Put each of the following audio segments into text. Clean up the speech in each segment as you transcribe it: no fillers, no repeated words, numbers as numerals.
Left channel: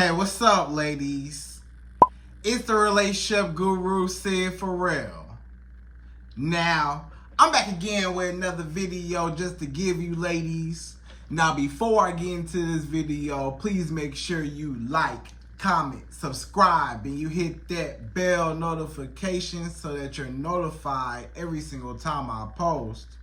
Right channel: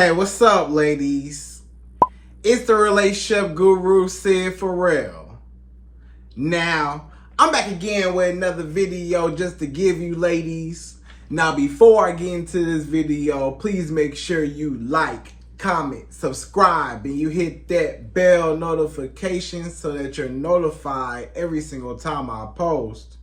Hey, what's up, ladies? It's the relationship guru, Sydd Ferrell. Now, I'm back again with another video just to give you ladies. Now, before I get into this video, please make sure you like, comment, subscribe, and you hit that bell notification so that you're notified every single time I post.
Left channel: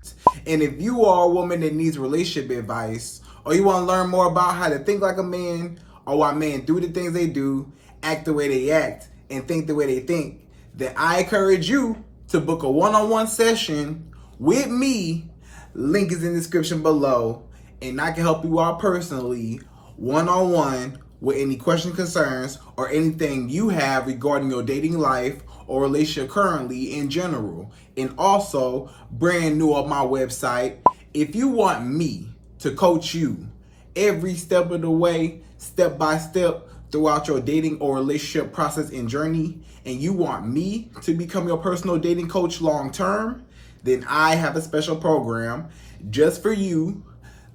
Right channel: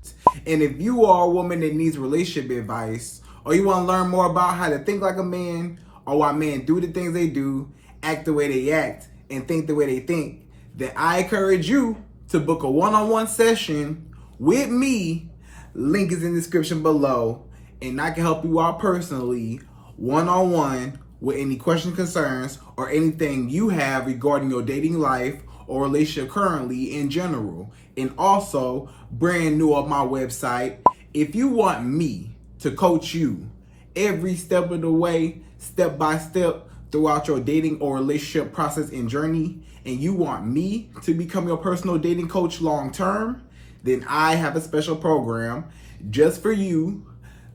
And if you are a woman that needs relationship advice, or you want to learn more about how to think like a man, or why men do the things they do, act the way they act, and think the way they think, then I encourage you to book a one-on-one session with me. Link is in the description below, and I can help you out personally, one-on-one, with any questions, concerns, or anything you have regarding your dating life or relationship currently in general. And also, brand new on my website, if you want me to coach you every step of the way, step by step, throughout your dating or relationship process and journey, and you want me to become your personal dating coach long term, then I have a special program just for you.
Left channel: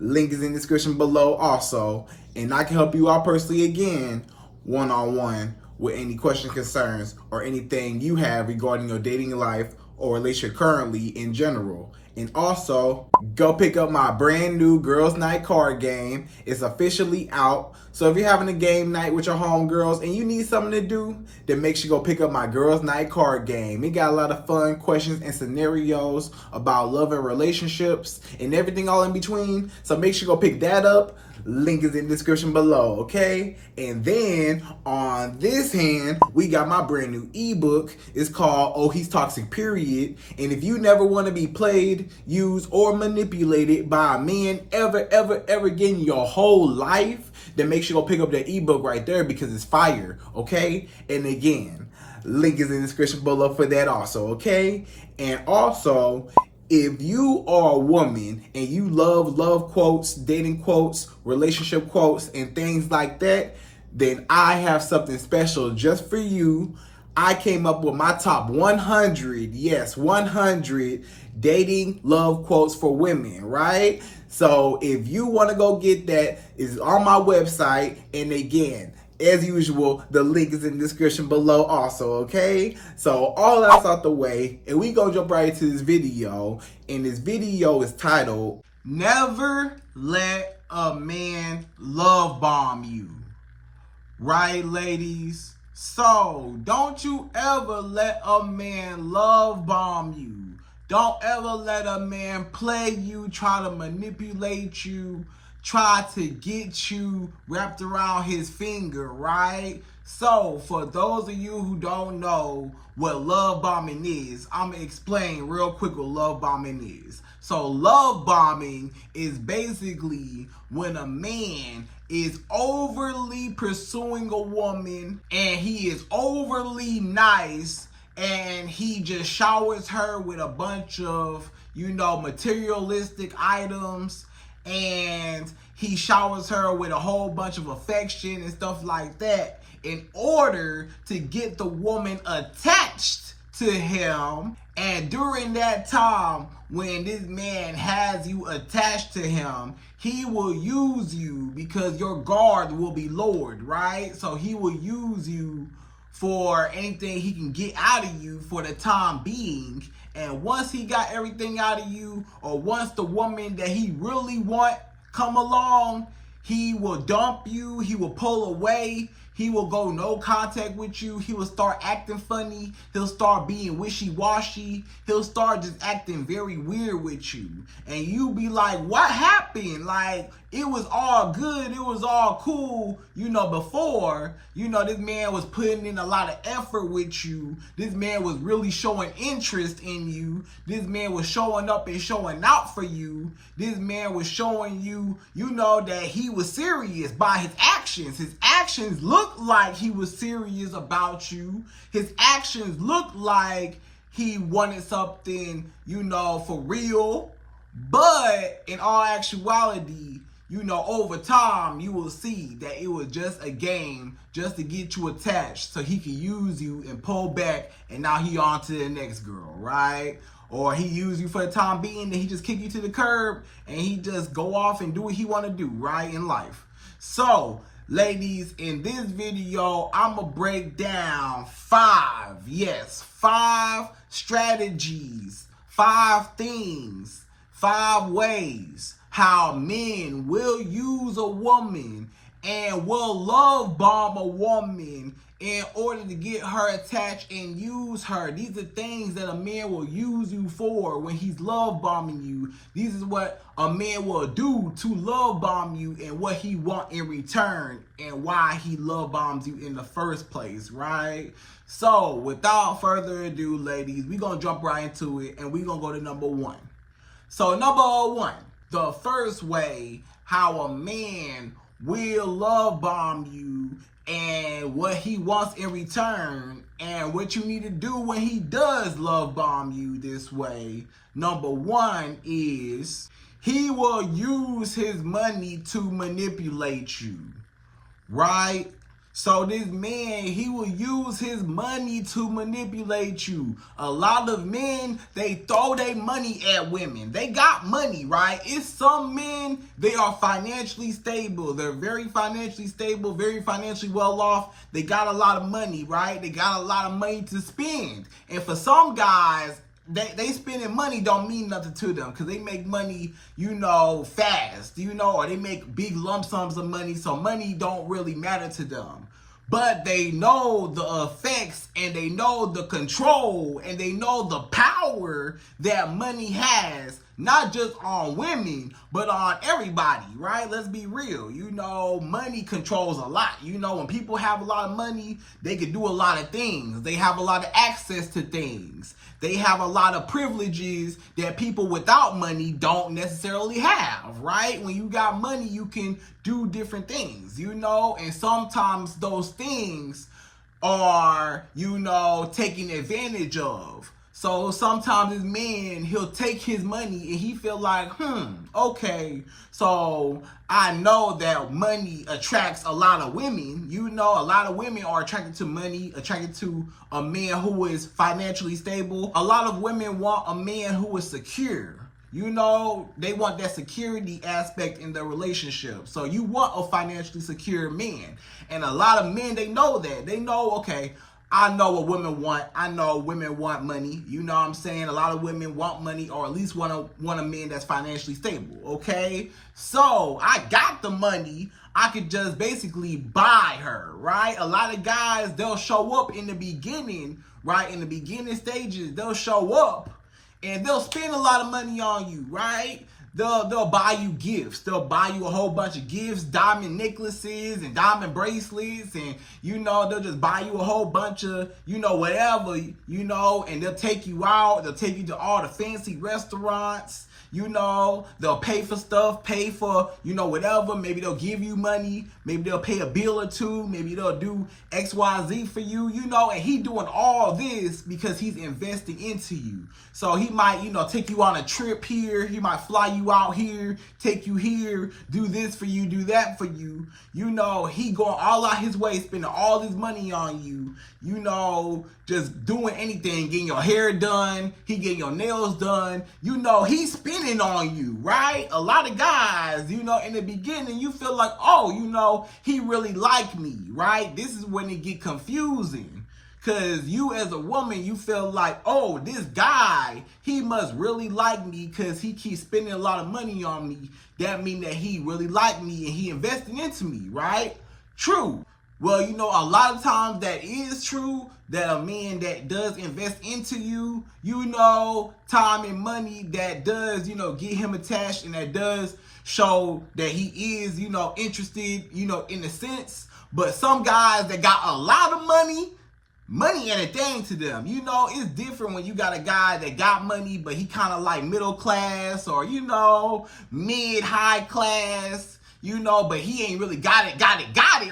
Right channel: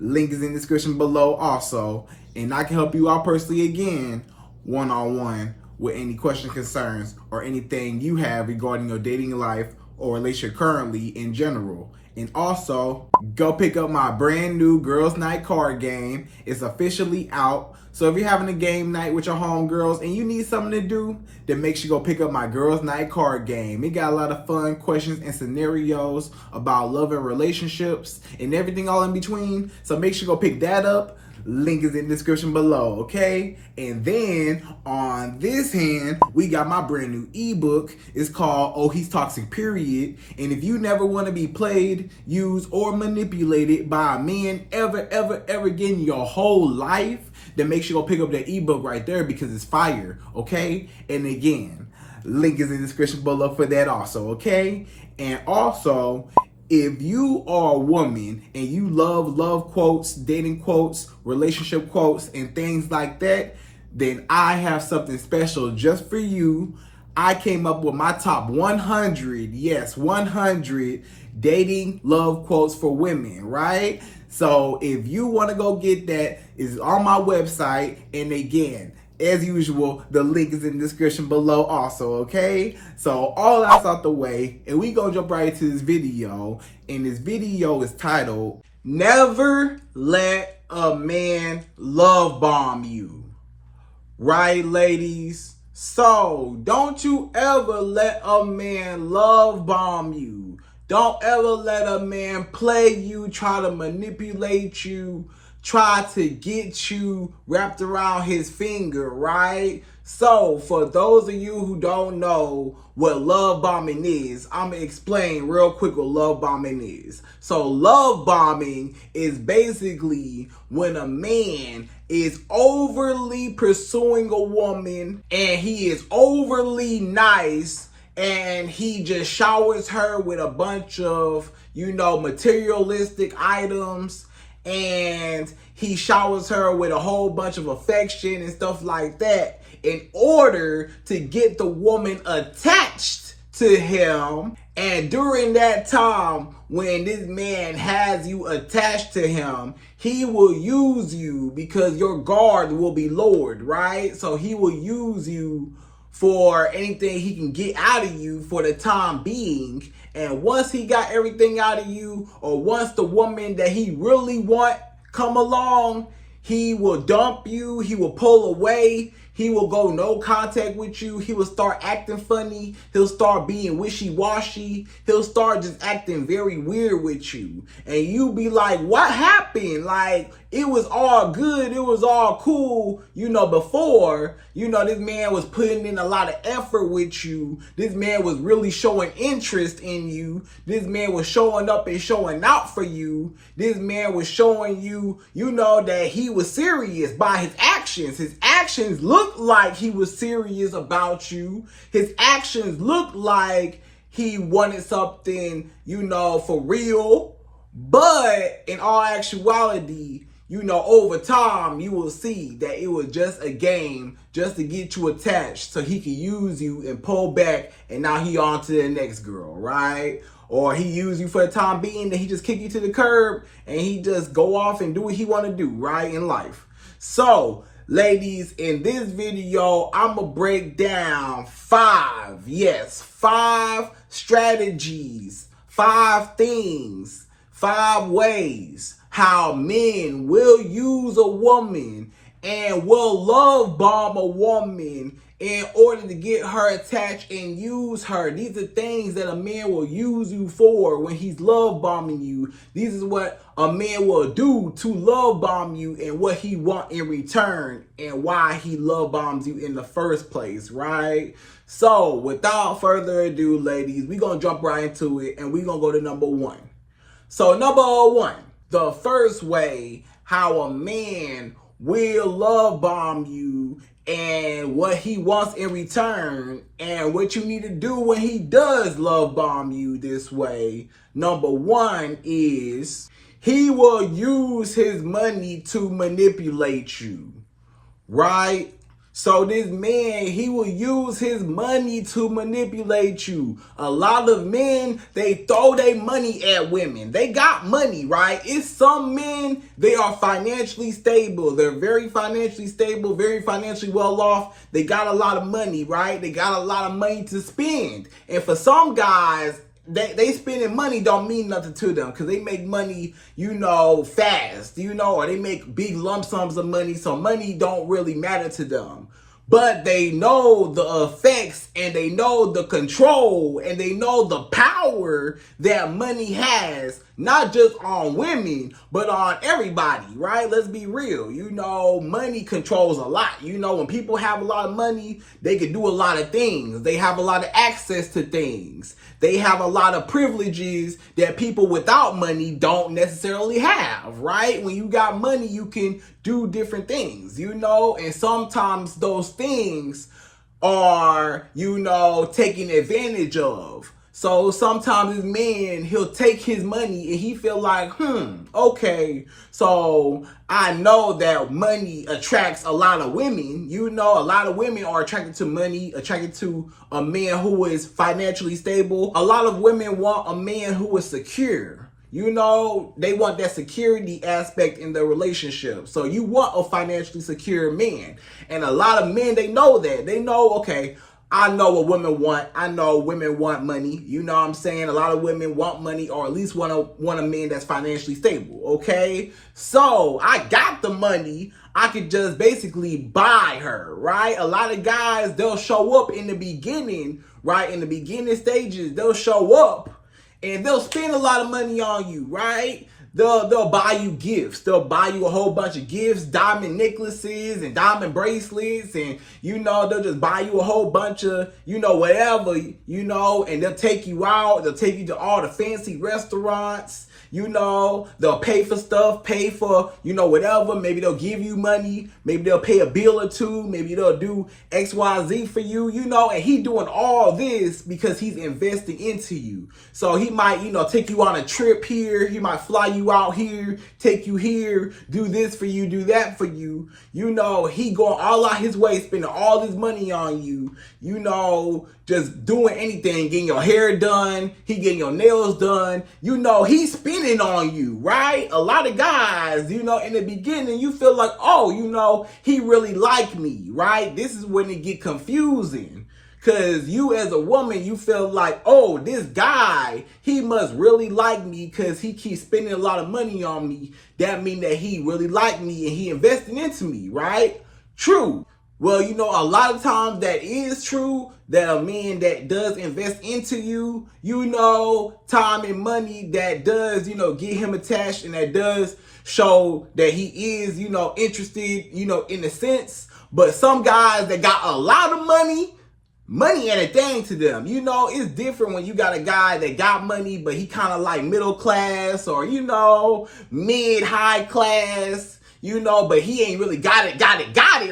Link is in the description below also, and I can help you out personally again, one-on-one, with any questions, concerns, or anything you have regarding your dating life or relationship currently in general. And also, go pick up my brand new Girls Night card game. It's officially out. So if you're having a game night with your homegirls and you need something to do, then make sure you go pick up my Girls Night card game. It got a lot of fun questions and scenarios about love and relationships and everything all in between. So make sure you go pick that up. Link is in the description below, okay? And then on this hand, we got my brand new ebook. It's called Oh, He's Toxic, Period. And if you never want to be played, used, or manipulated by a man ever again in your whole life, then make sure you go pick up that ebook right there because it's fire, okay? And again, link is in the description below for that also, okay? And also, if you are a woman and you love quotes, dating quotes, relationship quotes, and things like that, then I have something special just for you. I came up with my top 100, yes, 100 dating love quotes for women, right? So if you want to go get that, it's on my website. And again, as usual, the link is in the description below also, okay? So all that's out the way, and we gonna jump right into this video. And this video is titled, Never Let a Man Love Bomb You. Right, ladies? So, don't you ever let a man love bomb you. Don't ever let a man play you, try to manipulate you, try to get you wrapped around his finger, right? So, for those of you who don't know what love bombing is, I'm going to explain real quick what love bombing is. So, love bombing is basically when a man is overly pursuing a woman and he is overly nice and he just showers her with a bunch of, materialistic items, and he showers her with a whole bunch of affection and stuff like that in order to get the woman attached to him. And during that time, when this man has you attached to him, he will use you because your guard will be lowered, right? So he will use you for anything he can get out of you for the time being. And once he got everything out of you, or once the woman that he really want come along, he will dump you, he will pull away, he will go no contact with you, he will start acting funny, he'll start being wishy-washy, he'll start just acting very weird with you. And you be like, what happened? Like, it was all good, it was all cool, before, this man was putting in a lot of effort with you, this man was really showing interest in you, this man was showing up and showing out for you, this man was showing you, that he was serious by his actions. His actions looked like he was serious about you. His actions looked like he wanted something, for real. But in all actuality, over time, you will see that it was just a game just to get you attached so he could use you and pull back, and now he on to the next girl, right? Or he use you for the time being, then he just kick you to the curb and he just go off and do what he want to do, right, in life. So Ladies, in this video, I'm going to break down 5 strategies, 5 things, 5 ways how men will use a woman and will love bomb a woman in order to get her attached and use her. These are things that a man will use you for when he's love bombing you. These is what a man will do to love bomb you and what he want in return and why he love bombs you in the first place, right? So without further ado, ladies, we're going to jump right into it and we're going to go to number 1. So number 1, the first way how a man will love bomb you and what he wants in return and what you need to do when he does love bomb you this way. Number 1 is he will use his money to manipulate you, right? So this man, he will use his money to manipulate you. A lot of men, they throw their money at women. They got money, right? It's some men, they are financially stable. They're very financially stable, very financially well off. They got a lot of money, right? They got a lot of money to spend. And for some guys, they spending money don't mean nothing to them because they make money, fast, or they make big lump sums of money. So money don't really matter to them. But they know the effects and they know the control and they know the power that money has, not just on women, but on everybody, right? Let's be real. Money controls a lot. When people have a lot of money, they can do a lot of things. They have a lot of access to things. They have a lot of privileges that people without money don't necessarily have, right? When you got money, you can do different things, and sometimes those things are, taken advantage of. So sometimes this man, he'll take his money and he feel like, okay, so I know that money attracts a lot of women. A lot of women are attracted to money, attracted to a man who is financially stable. A lot of women want a man who is secure. They want that security aspect in their relationship. So you want a financially secure man. And a lot of men, they know that. They know, okay, I know what women want. I know women want money. You know what I'm saying? A lot of women want money or at least want a man that's financially stable, okay? So I got the money. I could just basically buy her, right? A lot of guys, they'll show up in the beginning, right? In the beginning stages, they'll show up and they'll spend a lot of money on you, right? They'll buy you gifts. They'll buy you a whole bunch of gifts, diamond necklaces and diamond bracelets. And, they'll just buy you a whole bunch of, whatever, and they'll take you out. They'll take you to all the fancy restaurants. They'll pay for stuff, pay for, whatever. Maybe they'll give you money. Maybe they'll pay a bill or two. Maybe they'll do X, Y, Z for you, and he doing all this because he's investing into you. So he might, take you on a trip here. He might fly you out here, take you here, do this for you, do that for you. He going all out his way, spending all this money on you, just doing anything, getting your hair done, he getting your nails done. He's spending on you, right? A lot of guys, in the beginning, you feel like, oh, he really like me, right? This is when it get confusing. Because you as a woman, you feel like, oh, this guy, he must really like me because he keeps spending a lot of money on me. That means that he really like me and he investing into me, right? True. Well, a lot of times that is true, that a man that does invest into you, time and money that does, get him attached and that does show that he is, interested, in a sense. But some guys that got a lot of money ain't a thing to them. It's different when you got a guy that got money, but he kind of like middle class or, mid-high class, but he ain't really got it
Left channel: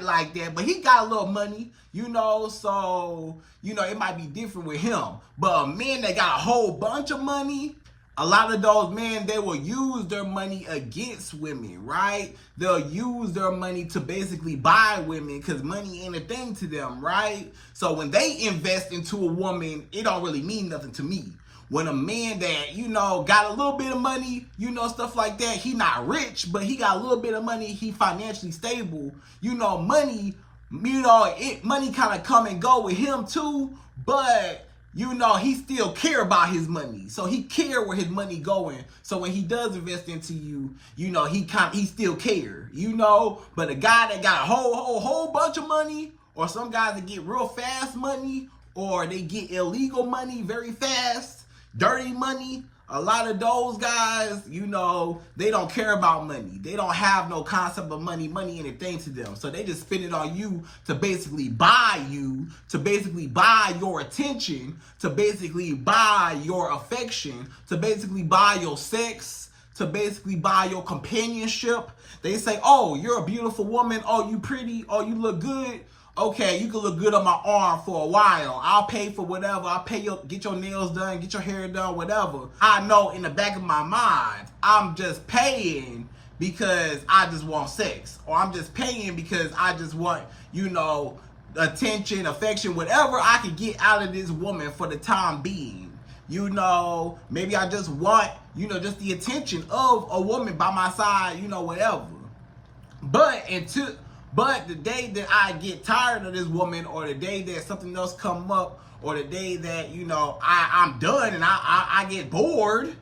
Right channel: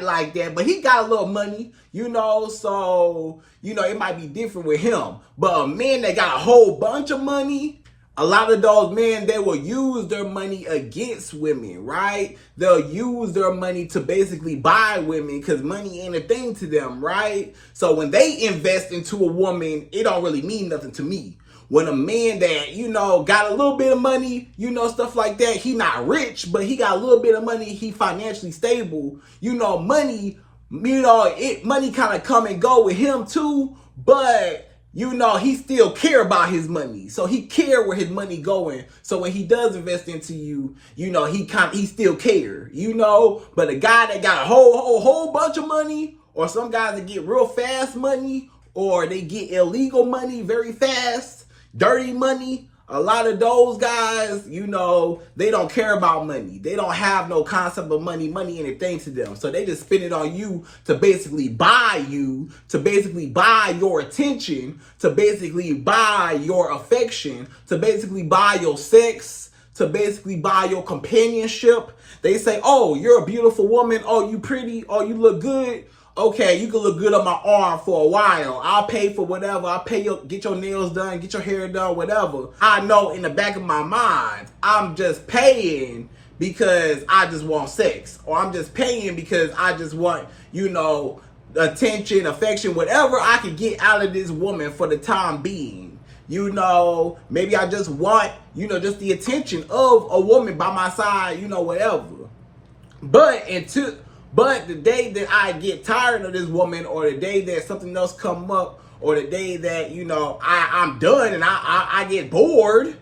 like that. But he got a little money, so, it might be different with him. But a man that got a whole bunch of money, a lot of those men, they will use their money against women, right? They'll use their money to basically buy women because money ain't a thing to them, right? So when they invest into a woman, it don't really mean nothing to me. when a man that, you know, got a little bit of money, you know, stuff like that, he not rich, but he got a little bit of money, he financially stable, you know, money, money kind of come and go with him too, but you know, he still care about his money. So he care where his money going. So when he does invest into you, you know, he still care, you know. But a guy that got a whole bunch of money, or some guys that get real fast money, or they get illegal money very fast, dirty money, a lot of those guys, you know, they don't care about money. They don't have no concept of money anything to them. So they just spend it on you to basically buy you, to basically buy your attention, to basically buy your affection, to basically buy your sex, to basically buy your companionship. They say, oh, you're a beautiful woman. Oh, you pretty. Oh, you look good. Okay, you can look good on my arm for a while. I'll pay for whatever. I'll pay get your nails done, get your hair done, whatever. I know in the back of my mind, I'm just paying because I just want sex. Or I'm just paying because I just want, you know, attention, affection, whatever I can get out of this woman for the time being. You know, maybe I just want, you know, just the attention of a woman by my side, you know, whatever. But the day that I get tired of this woman, or the day that something else come up, or the day that, you know, I'm done and I get bored,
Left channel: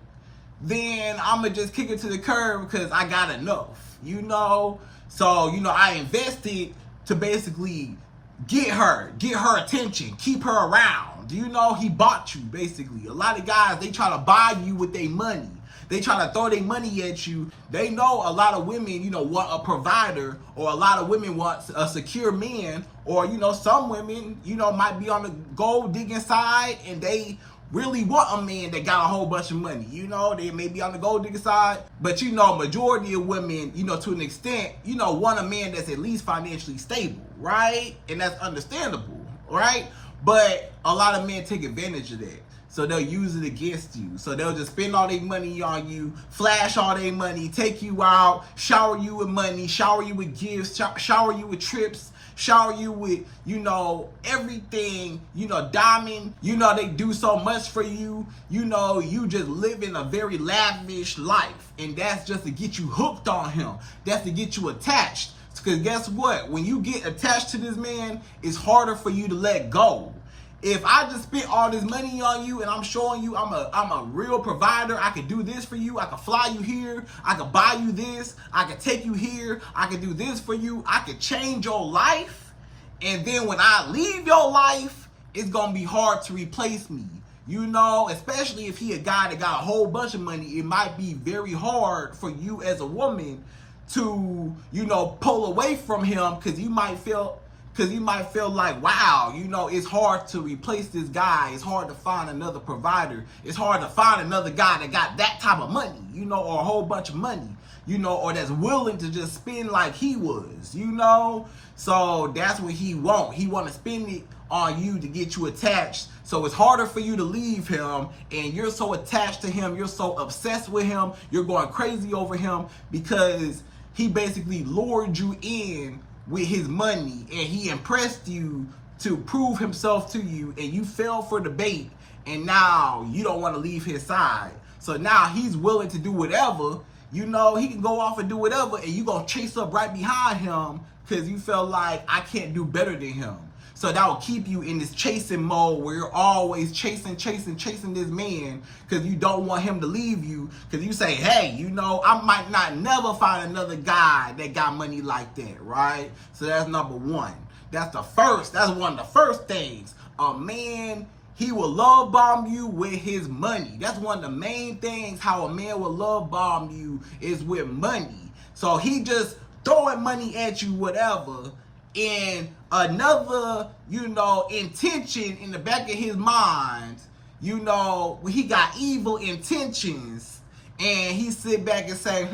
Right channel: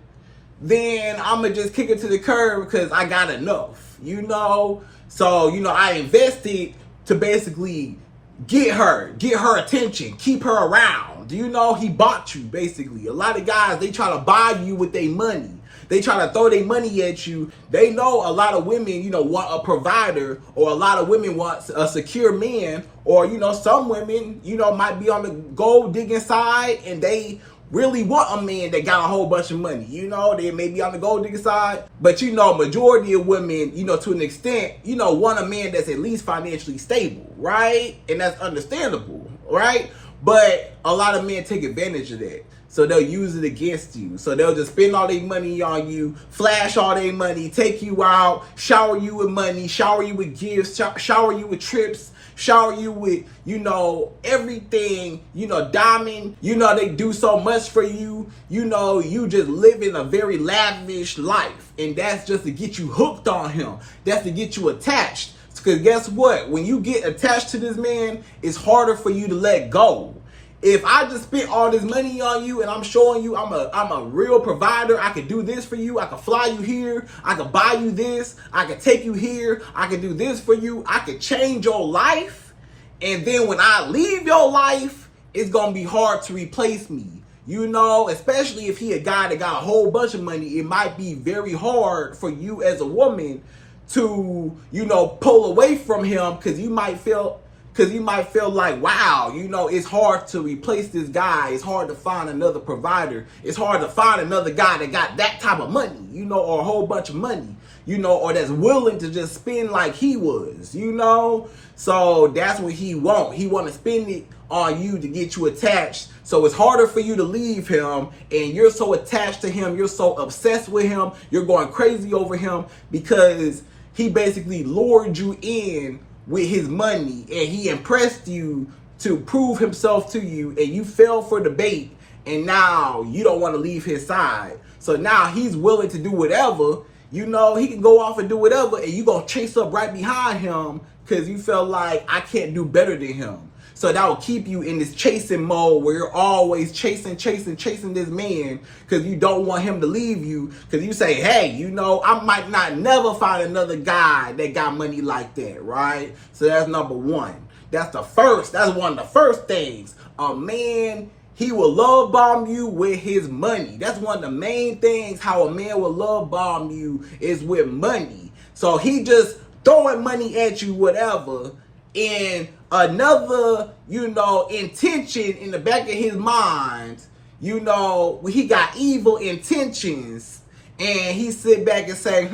then I'm going to just kick it to the curb because I got enough, you know? So, you know, I invested to basically get her attention, keep her around. You know, he bought you, basically. A lot of guys, they try to buy you with their money. They try to throw their money at you. They know a lot of women, you know, want a provider, or a lot of women want a secure man, or, you know, some women, you know, might be on the gold digging side and they really want a man that got a whole bunch of money. You know, they may be on the gold digger side, but, you know, majority of women, you know, to an extent, you know, want a man that's at least financially stable, right? And that's understandable, right? But a lot of men take advantage of that. So they'll use it against you. So they'll just spend all their money on you, flash all their money, take you out, shower you with money, shower you with gifts, shower you with trips, shower you with, you know, everything, you know, diamond. You know, they do so much for you. You know, you just living a very lavish life. And that's just to get you hooked on him. That's to get you attached. Because guess what? When you get attached to this man, it's harder for you to let go. If I just spent all this money on you and I'm showing you I'm a real provider, I could do this for you, I could fly you here, I could buy you this, I could take you here, I could do this for you, I could change your life, and then when I leave your life, it's gonna be hard to replace me. You know, especially if he a guy that got a whole bunch of money, it might be very hard for you as a woman to, you know, pull away from him, because you might feel like, wow, you know, it's hard to replace this guy. It's hard to find another provider. It's hard to find another guy that got that type of money, you know, or a whole bunch of money, you know, or that's willing to just spend like he was, you know. So that's what he want. He want to spend it on you to get you attached. So it's harder for you to leave him, and you're so attached to him. You're so obsessed with him. You're going crazy over him because he basically lured you in with his money, and he impressed you to prove himself to you, and you fell for the bait, and now you don't want to leave his side. So now he's willing to do whatever, you know, he can go off and do whatever, and you gonna chase up right behind him because you felt like, I can't do better than him. So that will keep you in this chasing mode where you're always chasing this man, because you don't want him to leave you, because you say, hey, you know, I might not never find another guy that got money like that, right? So that's number one. That's one of the first things. A man, he will love bomb you with his money. That's one of the main things how a man will love bomb you is with money. So he just throwing money at you, whatever, and another, you know, intention in the back of his mind, you know, he got evil intentions, and he sit back and say,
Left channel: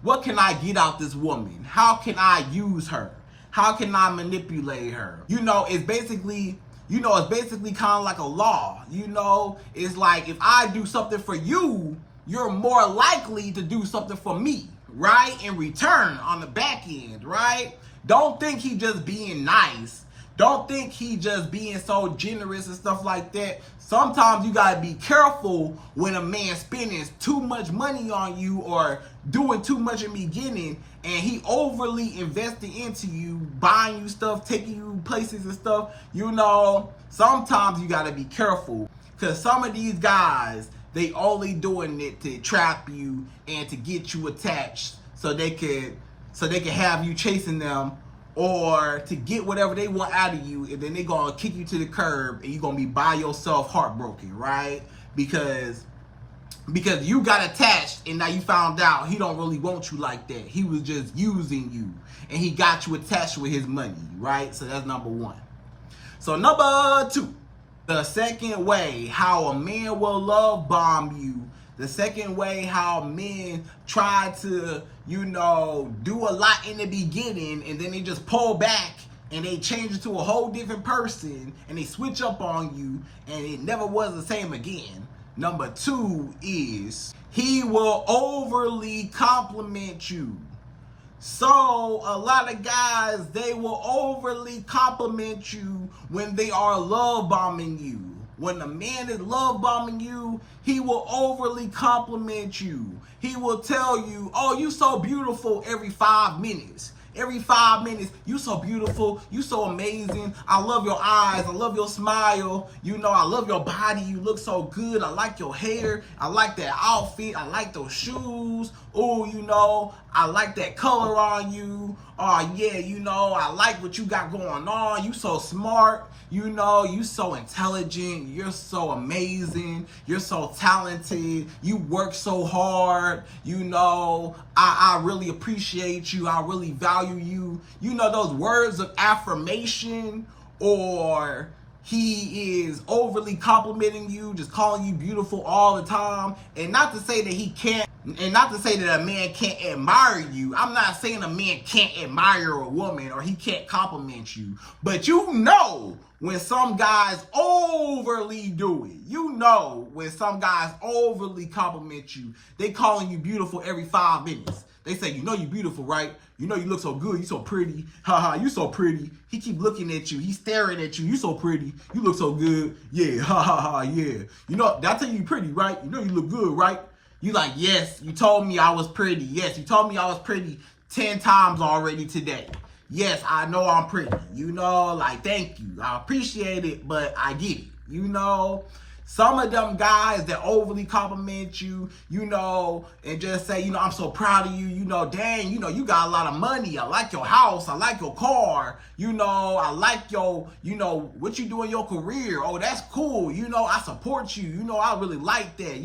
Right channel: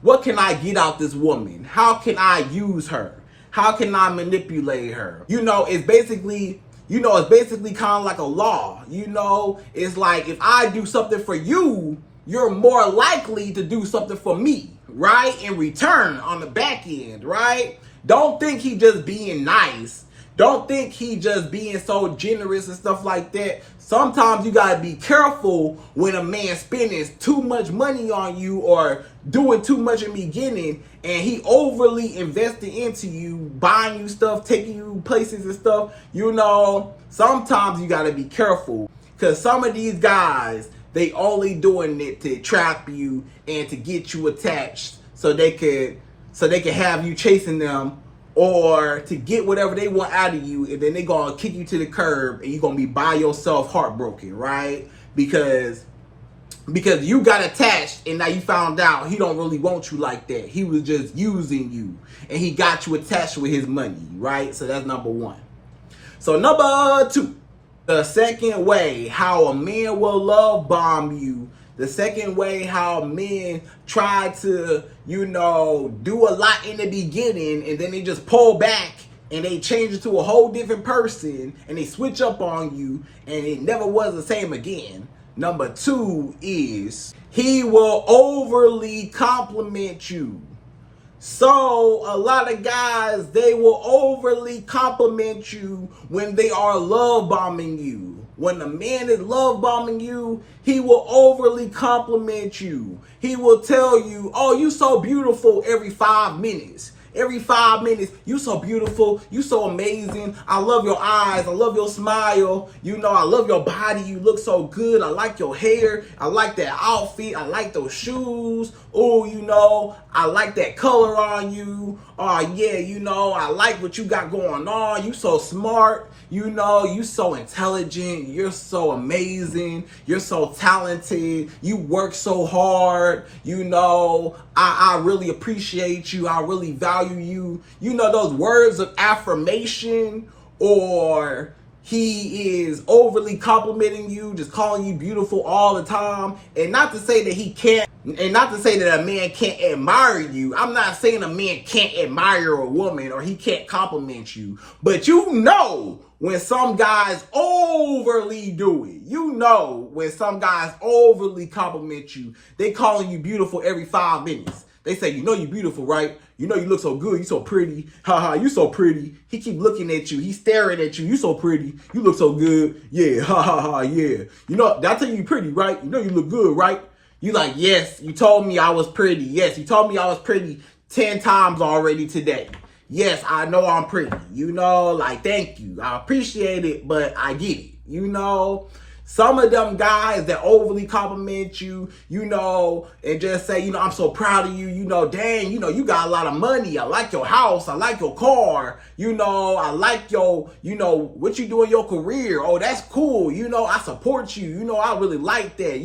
what can I get out this woman? How can I use her? How can I manipulate her? You know, it's basically kind of like a law. You know, it's like, if I do something for you, you're more likely to do something for me, right? In return on the back end, right? Don't think he just being nice. Don't think he just being so generous and stuff like that. Sometimes you gotta be careful when a man spending too much money on you or doing too much in the beginning, and he overly investing into you, buying you stuff, taking you places and stuff. Sometimes you gotta be careful, because some of these guys, they only doing it to trap you and to get you attached, so they could have you chasing them, or to get whatever they want out of you, and then they gonna kick you to the curb, and you're gonna be by yourself, heartbroken, right? Because you got attached, and now you found out he don't really want you like that. He was just using you, and he got you attached with his money, right? So that's number one. So number two, the second way how a man will love bomb you, the second way how men try to, do a lot in the beginning, and then they just pull back and they change it to a whole different person, and they switch up on you, and it never was the same again. Number two is he will overly compliment you. So a lot of guys, they will overly compliment you when they are love bombing you. When a man is love bombing you, he will overly compliment you. He will tell you, oh, you so beautiful every 5 minutes. Every 5 minutes, you so beautiful, you so amazing. I love your eyes, I love your smile. I love your body, you look so good. I like your hair, I like that outfit, I like those shoes. Oh, I like that color on you. Oh yeah, I like what you got going on. You so smart, you so intelligent, you're so amazing, you're so talented, you work so hard, I really appreciate you, I really value you. Those words of affirmation. Or he is overly complimenting you, just calling you beautiful all the time. And not to say that he can't, and not to say that a man can't admire you. I'm not saying a man can't admire a woman or he can't compliment you. But when some guys overly do it. When some guys overly compliment you. They calling you beautiful every 5 minutes. They say, you're beautiful, right? You look so good. You so pretty. Ha, you so pretty. He keep looking at you. He's staring at you. You so pretty. You look so good. Yeah, ha, yeah. Did I tell you pretty, right? You look good, right? You like, yes, you told me I was pretty. Yes, you told me I was pretty 10 times already today. Yes, I know I'm pretty. Thank you. I appreciate it, but I get it. Some of them guys that overly compliment you, and just say, I'm so proud of you, dang, you got a lot of money. I like your house. I like your car. I like your, what you do in your career. Oh, that's cool. I support you. I really like that.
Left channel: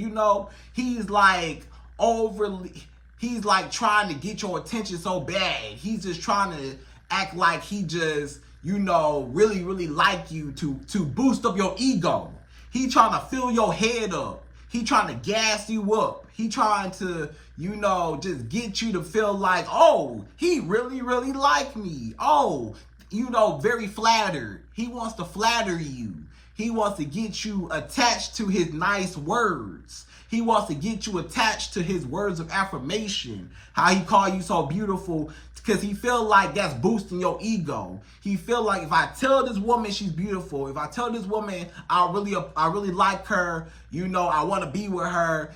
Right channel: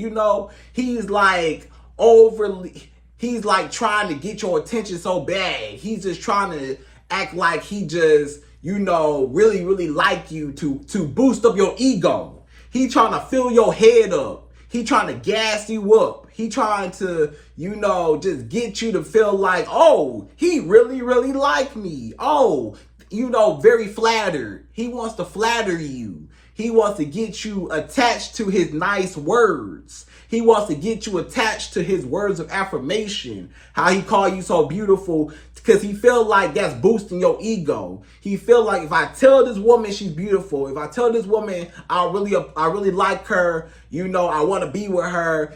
He's like he's like trying to get your attention so bad. He's just trying to act like he just, really, really like you to boost up your ego. He trying to fill your head up. He trying to gas you up. He trying to, just get you to feel like, oh, he really, really like me. Oh, very flattered. He wants to flatter you. He wants to get you attached to his nice words. He wants to get you attached to his words of affirmation. How he call you so beautiful, because he feel like that's boosting your ego. He feel like if I tell this woman she's beautiful, if I tell this woman I really like her, I want to be with her,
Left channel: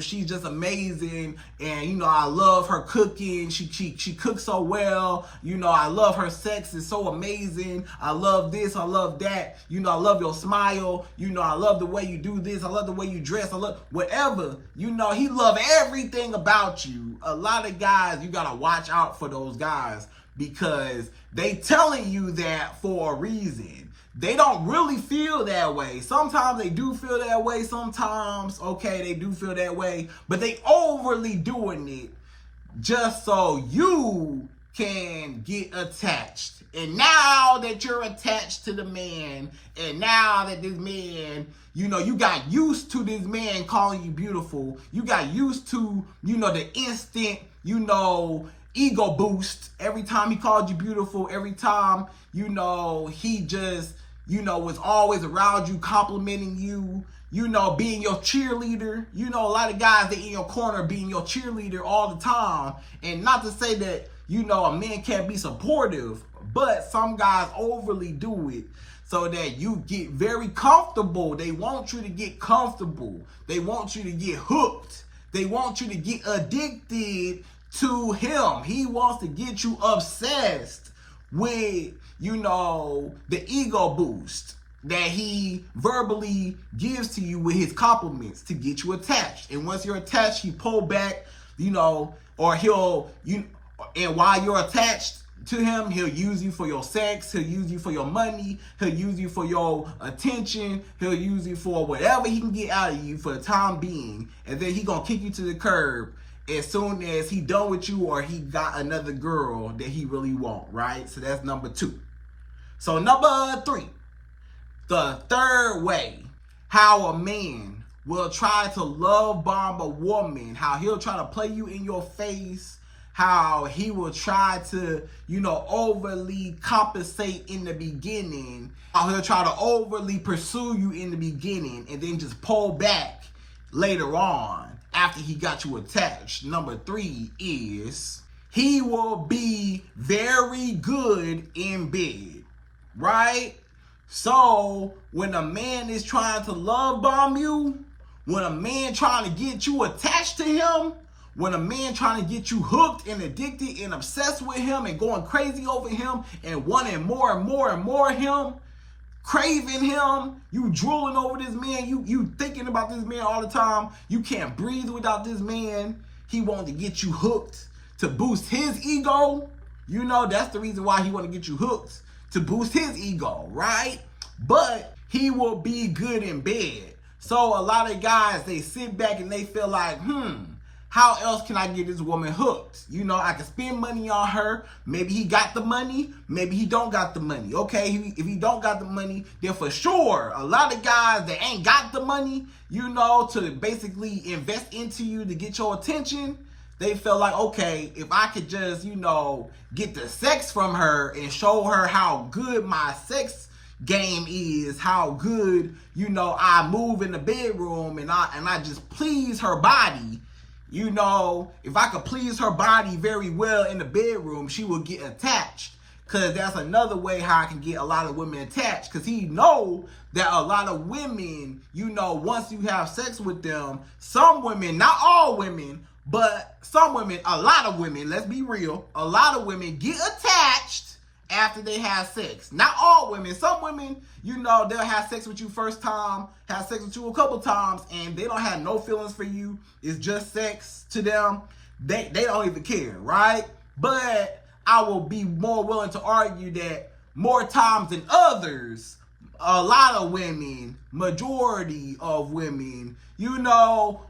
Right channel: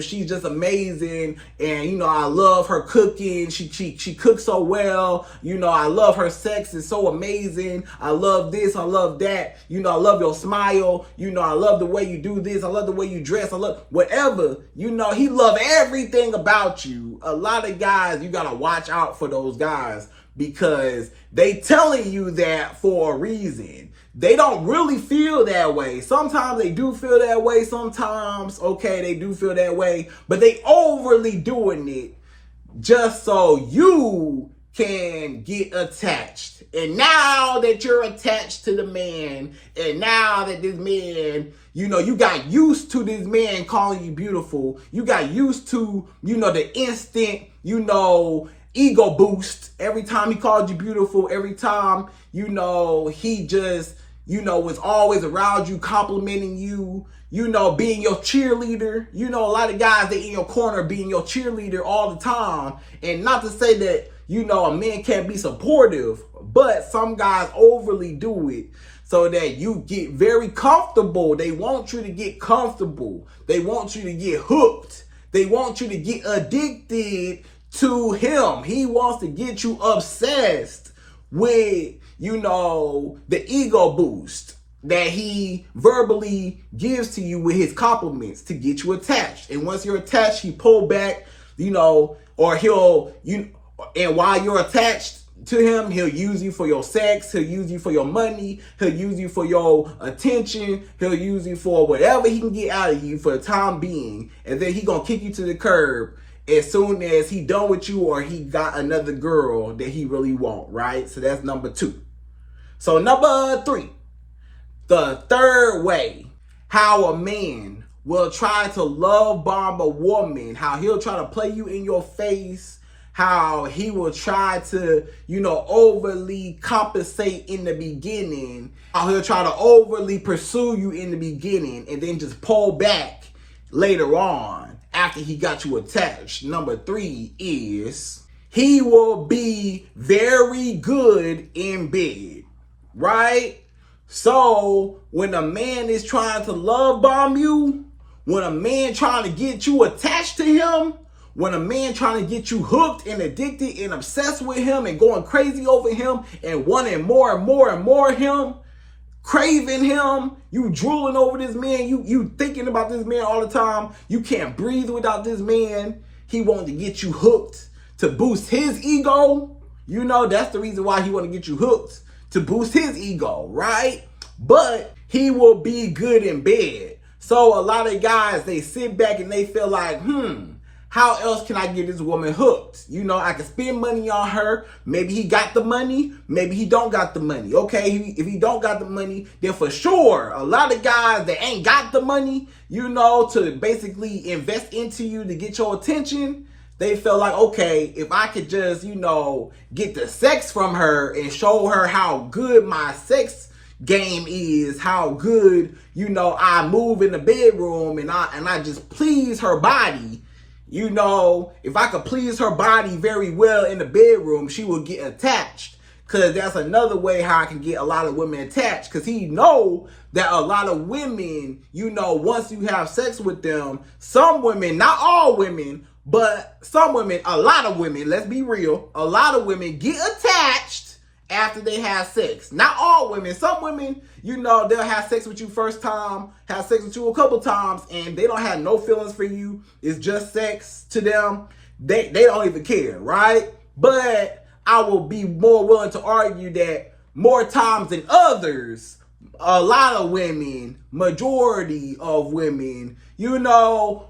she's just amazing, and I love her cooking. She cooks so well. I love her sex is so amazing. I love this, I love that. I love your smile. I love the way you do this. I love the way you dress. I love whatever. He love everything about you. A lot of guys, you gotta watch out for those guys, because they telling you that for a reason. They don't really feel that way. Sometimes they do feel that way. Sometimes, okay, they do feel that way, but they overly doing it just so you can get attached. And now that you're attached to the man, and now that this man, you got used to this man calling you beautiful. You got used to, the instant, ego boost every time he called you beautiful. Every time, he just, was always around you, complimenting you, being your cheerleader. A lot of guys, they in your corner being your cheerleader all the time. And not to say that, a man can't be supportive, But some guys overly do it so that you get very comfortable. They want you to get comfortable. They want you to get hooked. They want you to get addicted to him. He wants to get you obsessed with, the ego boost that he verbally gives to you with his compliments to get you attached. And once you're attached, he pull back, or and while you're attached to him, he'll use you for your sex, he'll use you for your money, he'll use you for your attention, he'll use you for whatever he can get out of you for the time being, and then he gonna kick you to the curb as soon as he done with you or he got another girl that he really want, right? So that's number 2. So number 3, the third way how a man will try to love bomb a woman, how he'll try to play you in your face, how he will try to, overly compensate in the beginning, how he'll try to overly pursue you in the beginning and then just pull back later on after he got you attached. Number 3 is he will be very good in bed, right? So when a man is trying to love bomb you, when a man trying to get you attached to him, when a man trying to get you hooked and addicted and obsessed with him and going crazy over him and wanting more and more and more of him, craving him, you drooling over this man, you thinking about this man all the time, you can't breathe without this man, he wants to get you hooked to boost his ego. That's the reason why he want to get you hooked, to boost his ego, right? But he will be good in bed. So a lot of guys, they sit back and they feel like, how else can I get this woman hooked? I can spend money on her. Maybe he got the money. Maybe he don't got the money. Okay, if he don't got the money, then for sure, a lot of guys that ain't got the money, to basically invest into you to get your attention, they feel like, okay, if I could just, get the sex from her and show her how good my sex game is, how good, I move in the bedroom and I just please her body. If I could please her body very well in the bedroom, she will get attached. Because that's another way how I can get a lot of women attached. Because he know that a lot of women, once you have sex with them, some women, not all women, but some women, a lot of women, let's be real, a lot of women get attached after they have sex. Not all women. Some women, they'll have sex with you first time, have sex with you a couple times, and they don't have no feelings for you. It's just sex to them. They don't even care, right? But I will be more willing to argue that more times than others, a lot of women, majority of women,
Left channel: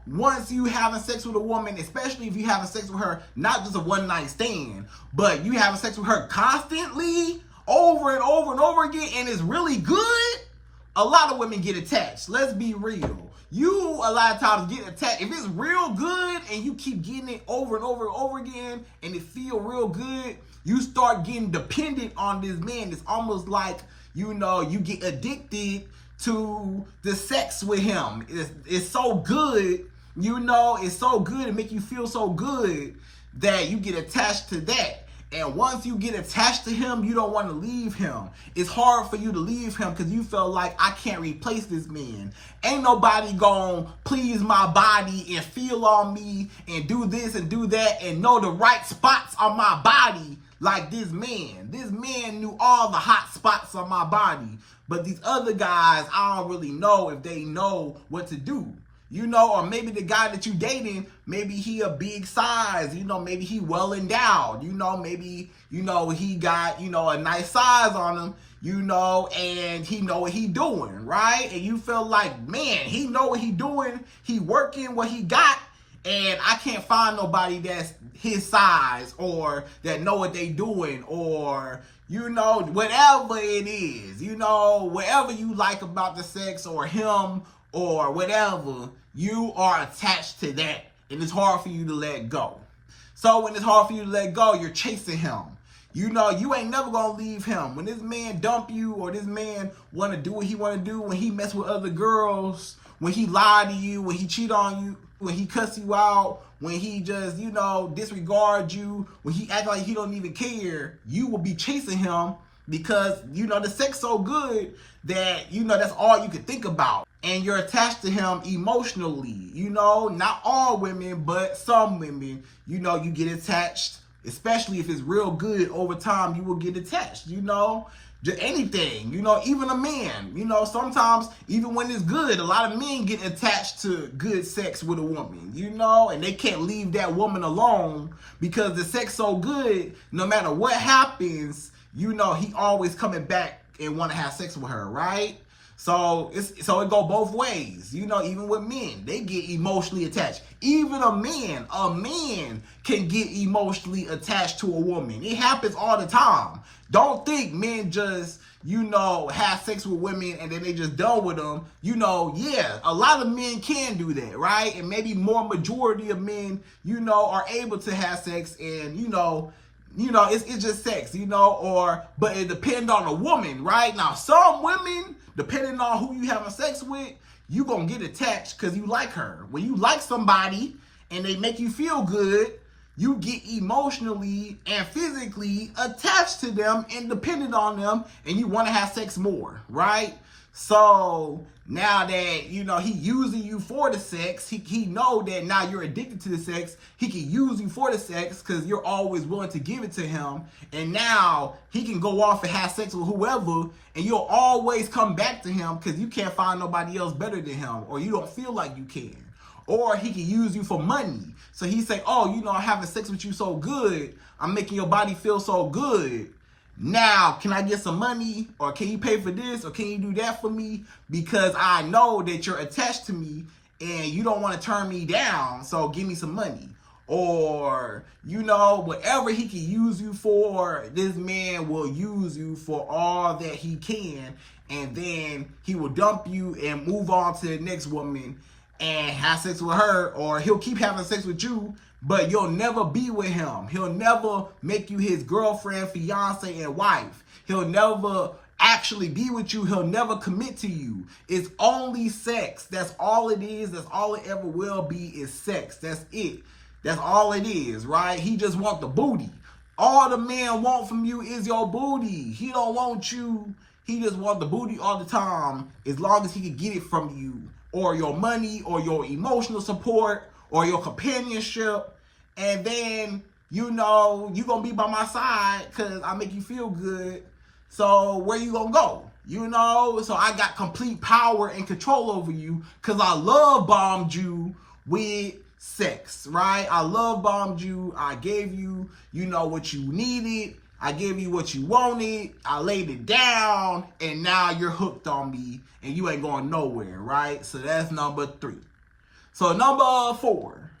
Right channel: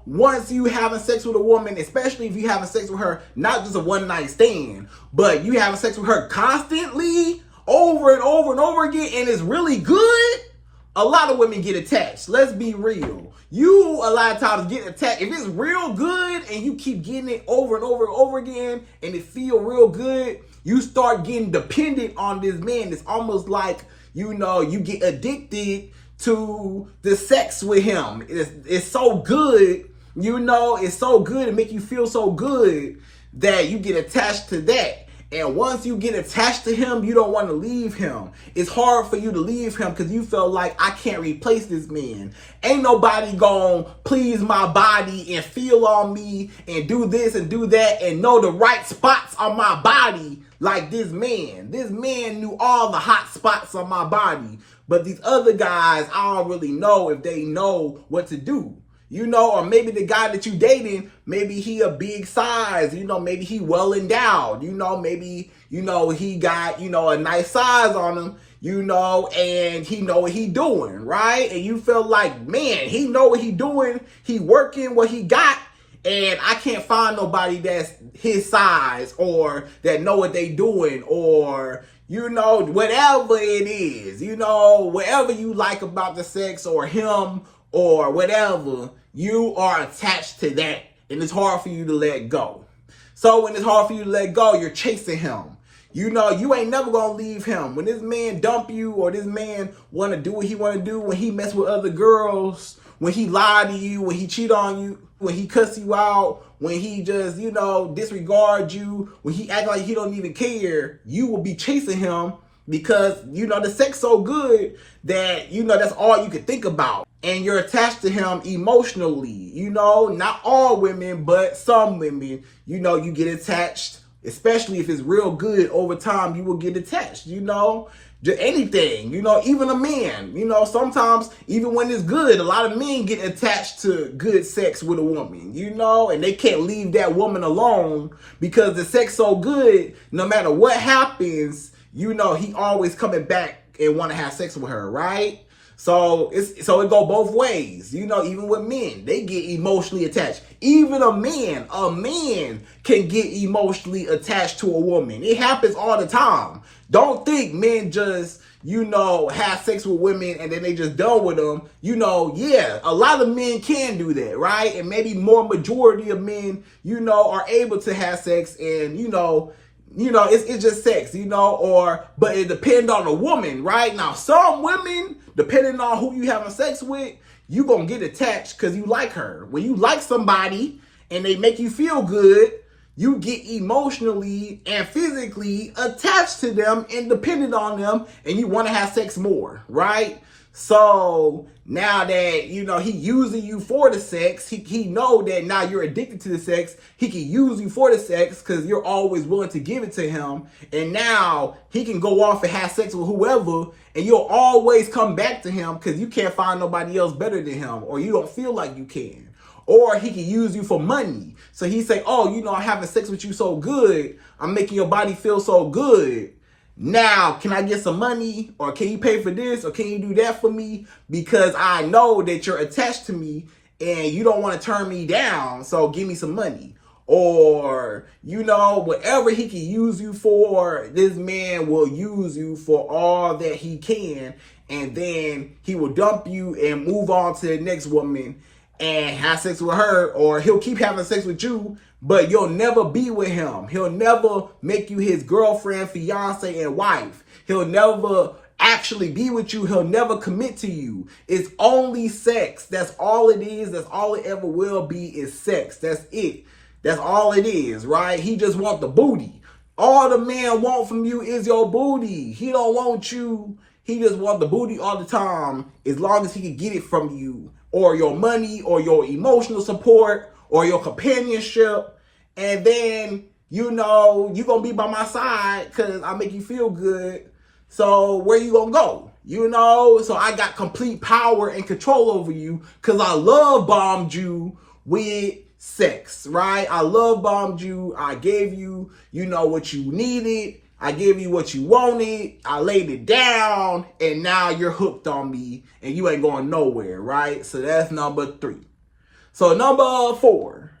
once you having sex with a woman, especially if you having sex with her, not just a one night stand, but you having sex with her constantly, over and over and over again, and it's really good, a lot of women get attached. Let's be real. You, a lot of times, get attached. If it's real good and you keep getting it over and over and over again, and it feel real good, you start getting dependent on this man. It's almost like, you get addicted to the sex with him. It's so good, it's so good, it make you feel so good that you get attached to that. And once you get attached to him, you don't want to leave him. It's hard for you to leave him because you feel like, I can't replace this man. Ain't nobody gonna please my body and feel on me and do this and do that and know the right spots on my body like this man. This man knew all the hot spots on my body. But these other guys, I don't really know if they know what to do. Or maybe the guy that you dating, maybe he a big size, maybe he well endowed, maybe, he got, a nice size on him, and he know what he doing, right? And you feel like, man, he know what he doing, he working what he got, and I can't find nobody that's his size or that know what they doing or, whatever it is, whatever you like about the sex or him or whatever, you are attached to that, and it's hard for you to let go. So when it's hard for you to let go, you're chasing him. You ain't never gonna leave him. When this man dump you or this man wanna do what he wanna do, when he mess with other girls, when he lie to you, when he cheat on you, when he cuss you out, when he just, you know, disregards you, when he act like he don't even care, you will be chasing him because, you know, the sex so good that, you know, that's all you could think about. And you're attached to him emotionally. You know, not all women, but some women, you know, you get attached, especially if it's real good over time, you will get attached, you know. Anything, you know, even a man, you know, sometimes even when it's good, a lot of men get attached to good sex with a woman, you know, and they can't leave that woman alone because the sex so good, no matter what happens, you know, he always coming back and want to have sex with her, right? So it go both ways, you know. Even with men, they get emotionally attached. Even a man can get emotionally attached to a woman. It happens all the time. Don't think men just, you know, have sex with women and then they just done with them. You know, yeah, a lot of men can do that, right? And maybe more majority of men, you know, are able to have sex and, you know, it's just sex, you know, but it depends on the woman, right? Now, some women, depending on who you having sex with, you gonna get attached because you like her. When you like somebody and they make you feel good, you get emotionally and physically attached to them and dependent on them, and you want to have sex more, right? So now that, you know, he using you for the sex, he know that now you're addicted to the sex. He can use you for the sex because you're always willing to give it to him. And now he can go off and have sex with whoever, and you'll always come back to him because you can't find nobody else better than him, or you don't feel like you can. Or he can use you for money. So he say, oh, you know, I'm having sex with you so good, I'm making your body feel so good. Now, can I get some money? Or can you pay for this? Or can you do that for me? Because I know that you're attached to me and you don't want to turn me down, so give me some money. Or, you know, whatever he can use you for, this man will use you for all that he can. And then he will dump you and move on to the next woman and have sex with her, or he'll keep having sex with you, but you'll never be with him. He'll never make you his girlfriend, fiance, and wife. He'll never actually be with you. He'll never commit to you. It's only sex. That's all it is. That's all it ever will be, is sex. That's it. That's all it is, right? He just want the booty. All the man want from you is your booty. He don't want you. He just want the booty all the time, as long as he can get it from you, or your money, or your emotional support, or your companionship. And then, you know, you gonna be by my side because I make you feel good. So where you gonna go? You know, so I got complete power and control over you because I love bombed you with sex, right? I love bombed you. I gave you, you know, what you needed. I gave you what you wanted. I laid it down, and now you're hooked on me, and you ain't going nowhere, right? So that's number 3. So number 4,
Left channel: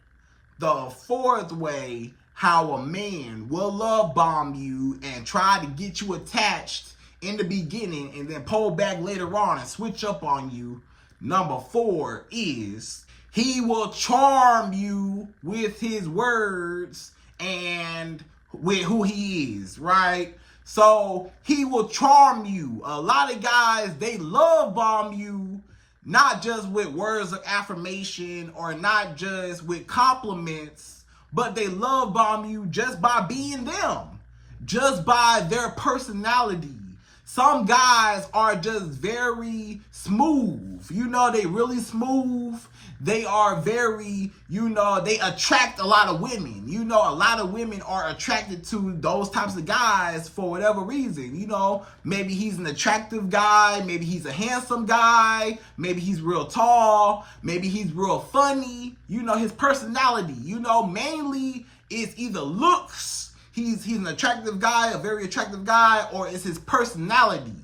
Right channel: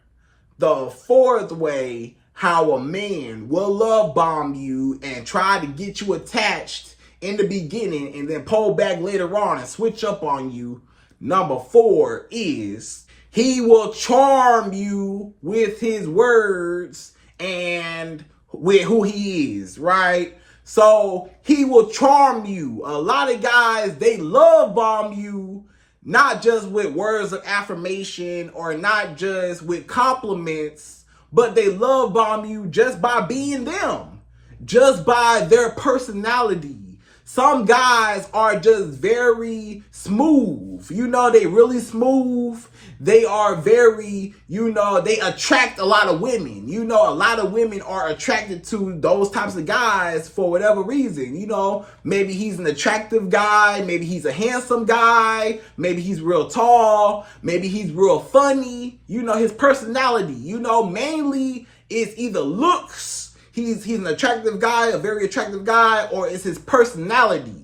the fourth way how a man will love bomb you and try to get you attached in the beginning and then pull back later on and switch up on you. Number 4 is he will charm you with his words and with who he is, right? So he will charm you. A lot of guys, they love bomb you, not just with words of affirmation or not just with compliments, but they love bomb you just by being them, just by their personality. Some guys are just very smooth. You know, they really smooth. They are very, you know, they attract a lot of women. You know, a lot of women are attracted to those types of guys for whatever reason. You know, maybe he's an attractive guy. Maybe he's a handsome guy. Maybe he's real tall. Maybe he's real funny. You know, his personality, you know, mainly is either looks. He's an attractive guy, a very attractive guy, or it's his personality.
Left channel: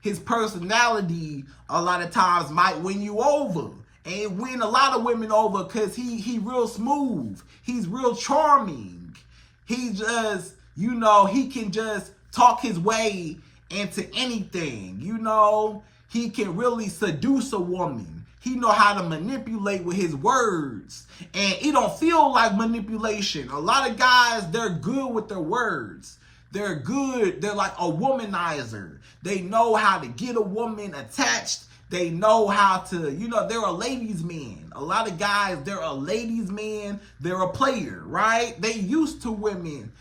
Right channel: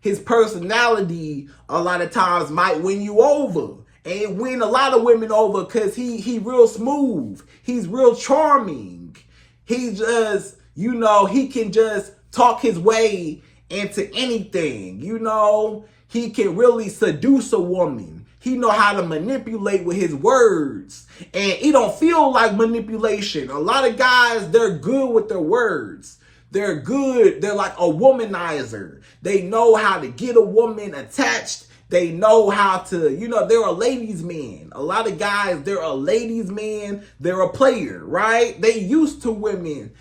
His personality a lot of times might win you over. And win a lot of women over because he real smooth. He's real charming. He just, you know, he can just talk his way into anything. You know, he can really seduce a woman. He know how to manipulate with his words. And it don't feel like manipulation. A lot of guys, they're good with their words. They're good. They're like a womanizer. They know how to get a woman attached. They know how to, they're a ladies' man. A lot of guys, they're a ladies' man. They're a player, right? They used to women,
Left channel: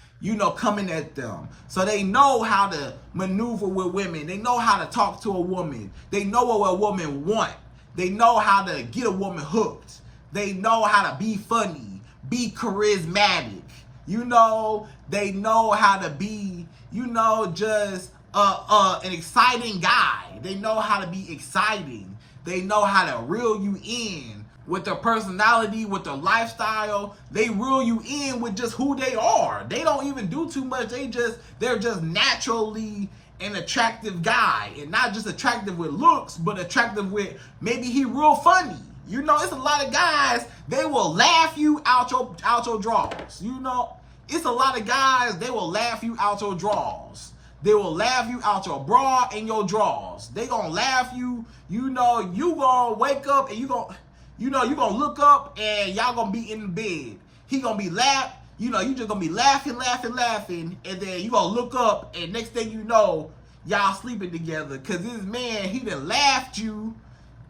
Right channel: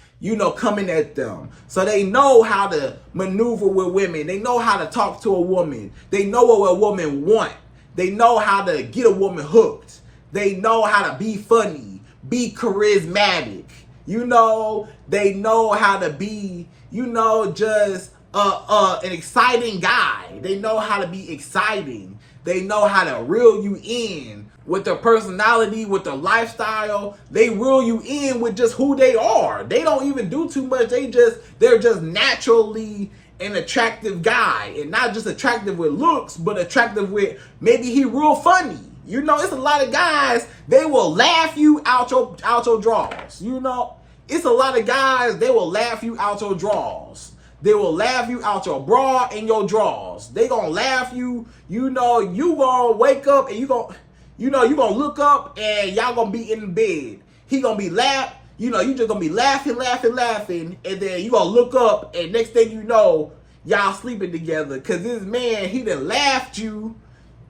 coming at them. So they know how to maneuver with women. They know how to talk to a woman. They know what a woman wants. They know how to get a woman hooked. They know how to be funny, be charismatic. They know how to be, just an exciting guy. They know how to be exciting. They know how to reel you in with their personality, with their lifestyle. They reel you in with just who they are. They don't even do too much. They're just naturally an attractive guy, and not just attractive with looks, but attractive with maybe he real funny. It's a lot of guys, they will laugh you out your drawers. It's a lot of guys, they will laugh you out your drawers. They will laugh you out your bra and your drawers. They gonna laugh you. You gonna wake up and you gonna look up and y'all gonna be in the bed. He gonna be laughing. You just gonna be laughing, and then you gonna look up and next thing you know, y'all sleeping together. Cause this man, he done laughed you.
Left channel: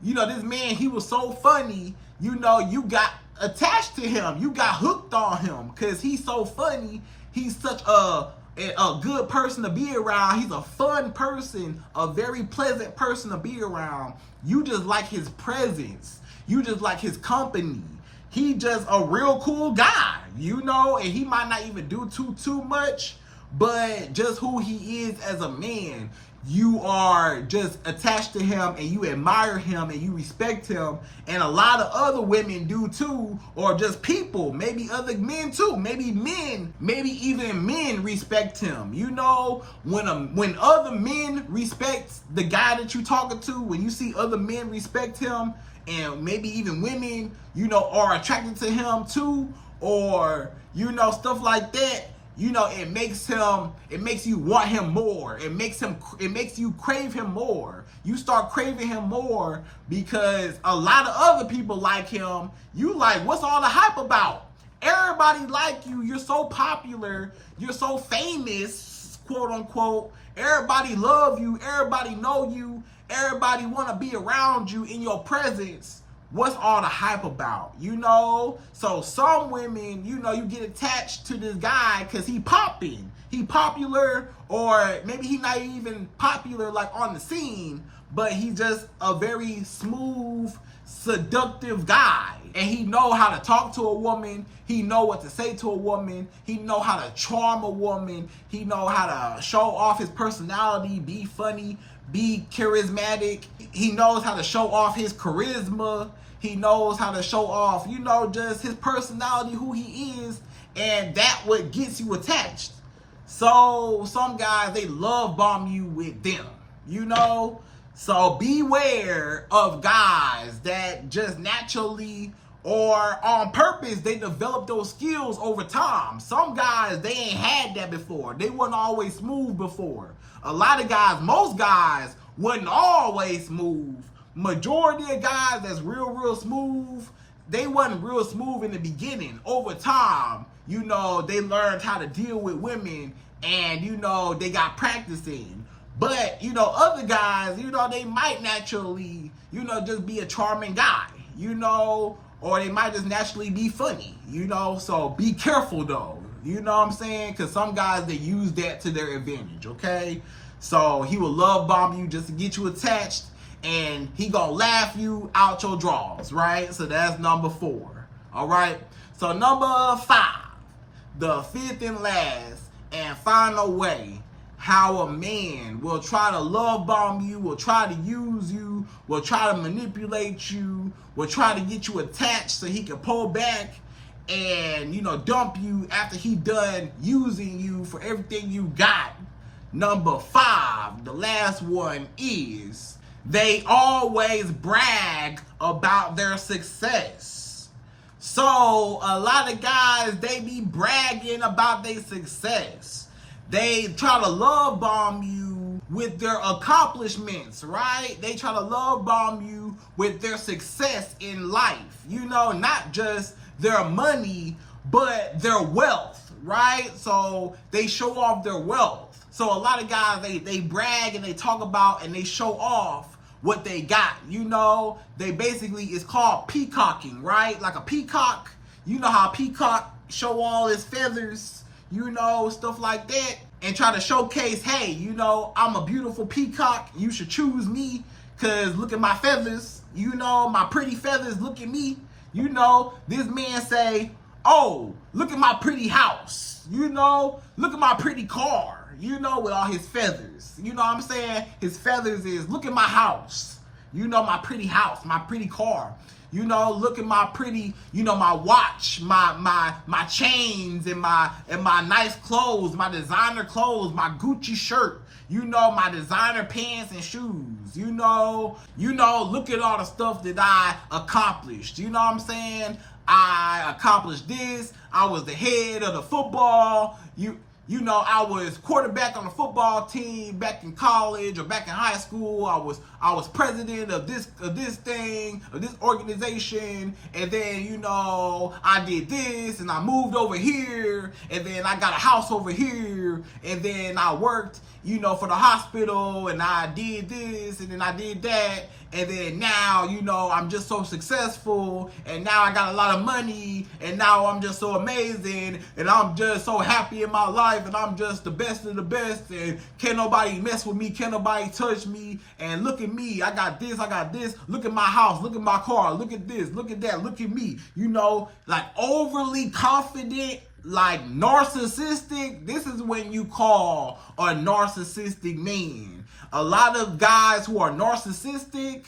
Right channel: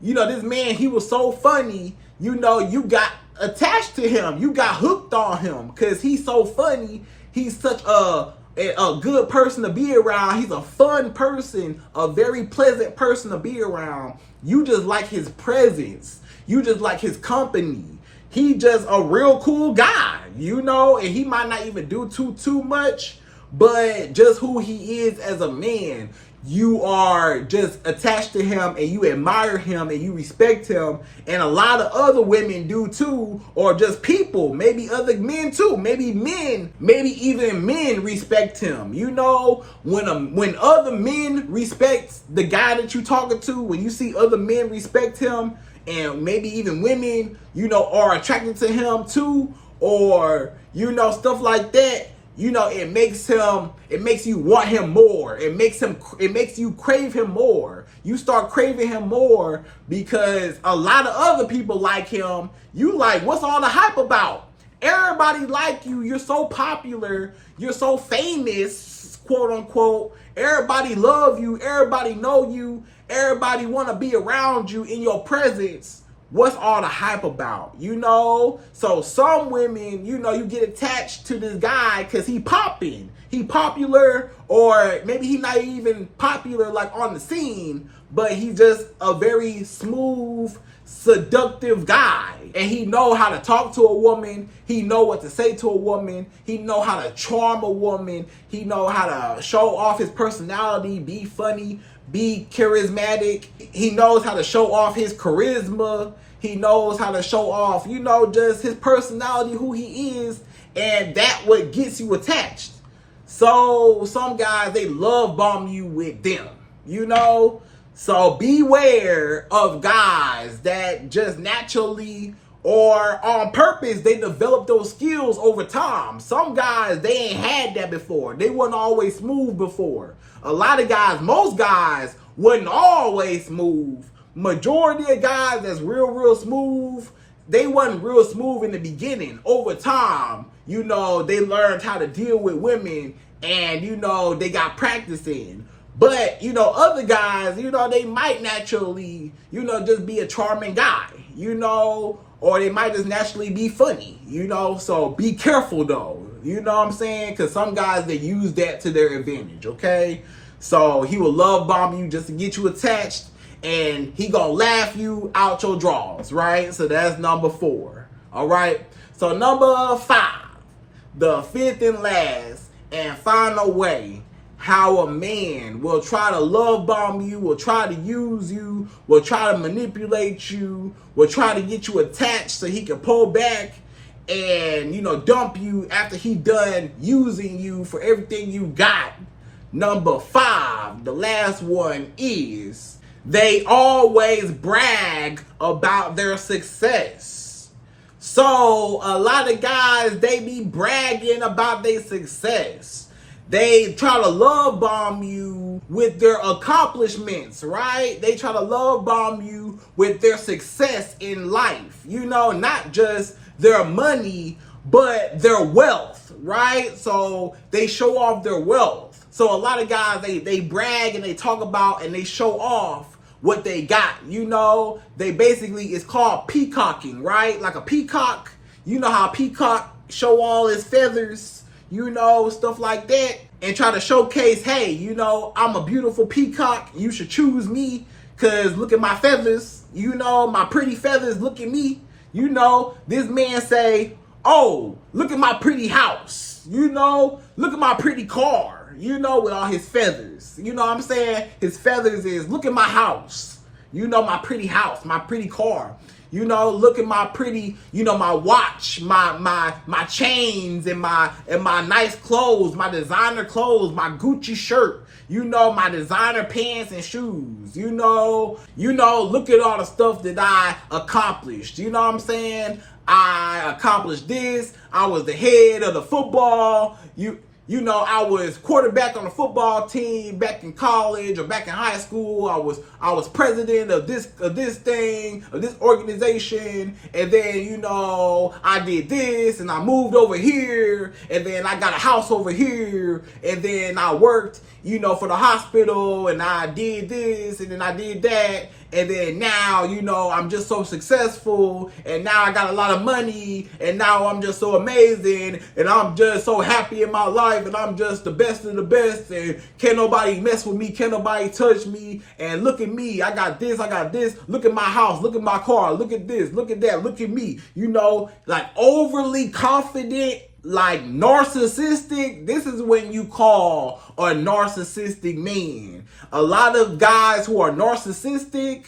This man, he was so funny. You got attached to him. You got hooked on him because he's so funny. He's such a good person to be around. He's a fun person, a very pleasant person to be around. You just like his presence. You just like his company. He just a real cool guy, and he might not even do too much, but just who he is as a man. You are just attached to him and you admire him and you respect him, and a lot of other women do too, or just people, maybe other men too, maybe even men respect him. When other men respect the guy that you're talking to, when you see other men respect him, and maybe even women, are attracted to him too, or stuff like that. It makes you want him more. It makes you crave him more. You start craving him more because a lot of other people like him. You like, what's all the hype about? Everybody like you. You're so popular. You're so famous, quote unquote. Everybody love you. Everybody know you. Everybody want to be around you in your presence. What's all the hype about? So some women, you get attached to this guy because he popping. He popular, or maybe he not even popular like on the scene, but he's just a very smooth, seductive guy. And he know how to talk to a woman. He know what to say to a woman. He know how to charm a woman. He know how to show off his personality, be funny, be charismatic. He knows how to show off his charisma. He knows how to show off, just his personality, who he is, and that what gets you attached. So some guys, they love bomb you with them, So beware of guys that just naturally or on purpose, they develop those skills over time. Some guys, they ain't had that before. They wasn't always smooth before. A lot of guys, most guys wasn't always smooth. Majority of guys that's real smooth, they wasn't real smooth in the beginning. Over time, they learned how to deal with women, and they got practice in. But other guys, they might naturally, just be a charming guy, or they might just naturally be funny, so be careful though, what I'm saying? Because some guys, they use that to their advantage, okay? So he will love bomb you just to get you attached, and he gonna laugh you out your drawers, right? So that's number 4, all right? So number 5, the fifth and last and final way how a man will try to love bomb you, will try to use you, will try to manipulate you, will try to get you attached so he can pull back and, dump you after he done using you for everything you got. Number 5, the last one, is they always brag about their success. So a lot of guys, they be bragging about their success. They try to love bomb you with their accomplishments, right? They try to love bomb you with their success in life. Not just their money, but their wealth, right? So they show off their wealth. So a lot of guys, they brag and they talk about and they show off what they got. You know, they basically, it's called peacocking, right? Like a peacock, you know how a peacock show all his feathers, you know, stuff like that, and try to showcase, hey, you know, I'm a beautiful peacock, you should choose me, cause look at my feathers, you know, my pretty feathers, look at me. You know, this man say, oh, look at my pretty house, you know, look at my pretty car, you know, with all his feathers. You know what I'm saying? His feathers is, look at my house, you know, my pretty house, my pretty car. You know, look at my pretty, you know, my watch, my chains, and my nice clothes, my designer clothes, my Gucci shirt, you know, my designer pants and shoes. You know, look at all the stuff that I accomplished. You know what I'm saying? I accomplished this. I was the head of the football. You know, I was quarterback on the football team back in college or back in high school. I was president of this organization, and then, you know, I did this, and I moved over here, and then I got a house over here, and then I worked, you know, for the hospital, and I did this, and then I did that. And then now, you know, I'm just so successful, and now I got a lot of money, and now I'm just so amazing, and I'm just so happy in my life, and I'm just the best of the best, and can't nobody mess with me, can't nobody touch me, and look at me, I got this, look at my house, look at my car, look at this, look at that, look at me, you know, like overly confident, like narcissistic. This is when you call a narcissistic man. A lot of guys who are narcissistic,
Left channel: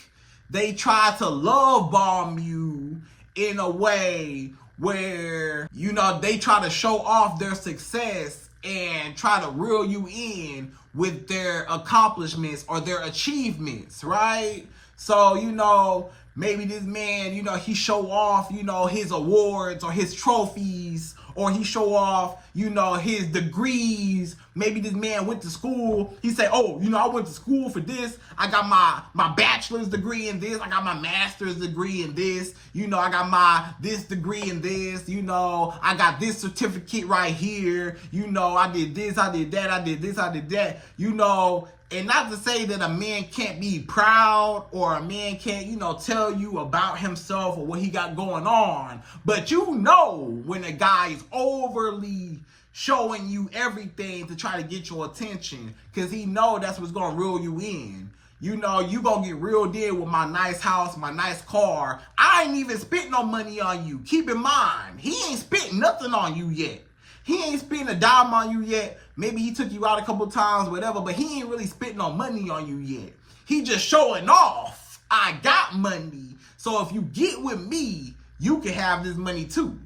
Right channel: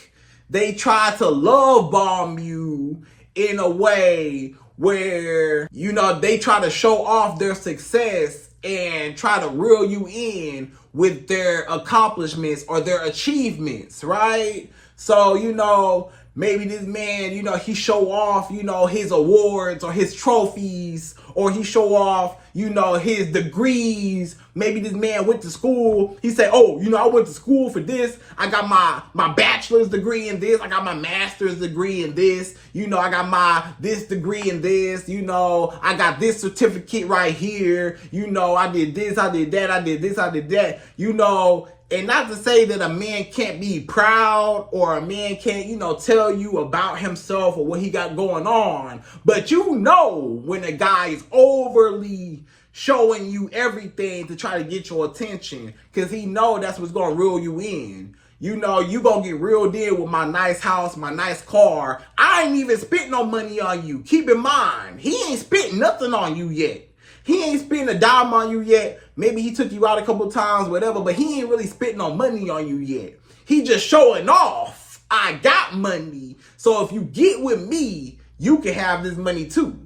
they try to love bomb you in a way where, you know, they try to show off their success and try to reel you in with their accomplishments or their achievements, right? So, you know, maybe this man, you know, he show off, you know, his awards or his trophies, or he show off, you know, his degrees. Maybe this man went to school. He say, oh, you know, I went to school for this. I got my bachelor's degree in this. I got my master's degree in this. You know, I got my this degree in this. You know, I got this certificate right here. You know, I did this, I did that, I did this, I did that. You know, and not to say that a man can't be proud or a man can't, you know, tell you about himself or what he got going on. But you know when a guy is overly showing you everything to try to get your attention, because he know that's what's going to reel you in. You know, you going to get reeled in with my nice house, my nice car. I ain't even spent no money on you. Keep in mind, he ain't spent nothing on you yet. He ain't spent a dime on you yet. Maybe he took you out a couple times, whatever, but he ain't really spent no money on you yet. He just showing off. I got money. So if you get with me, you can have this money too.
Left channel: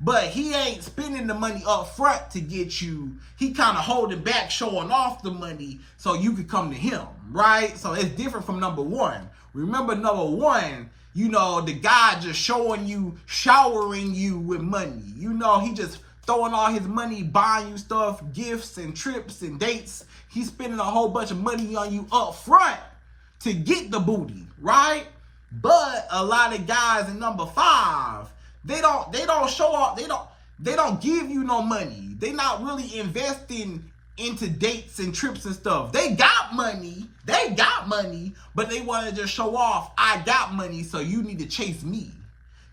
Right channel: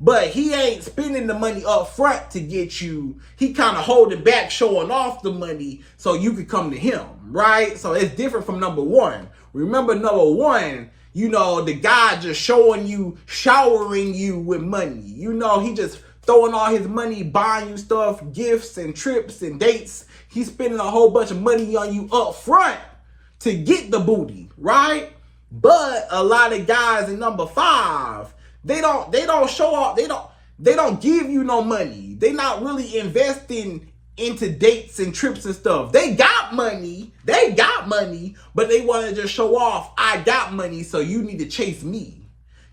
But he ain't spending the money up front to get you. He kind of holding back, showing off the money so you could come to him, right? So it's different from number one. Remember, number one, you know, the guy just showing you, showering you with money. You know, he just throwing all his money, buying you stuff, gifts and trips and dates. He's spending a whole bunch of money on you up front to get the booty, right? But a lot of guys in number five, they don't show off. They don't give you no money. They not really investing into dates and trips and stuff. They got money, but they want to just show off. I got money, so you need to chase me.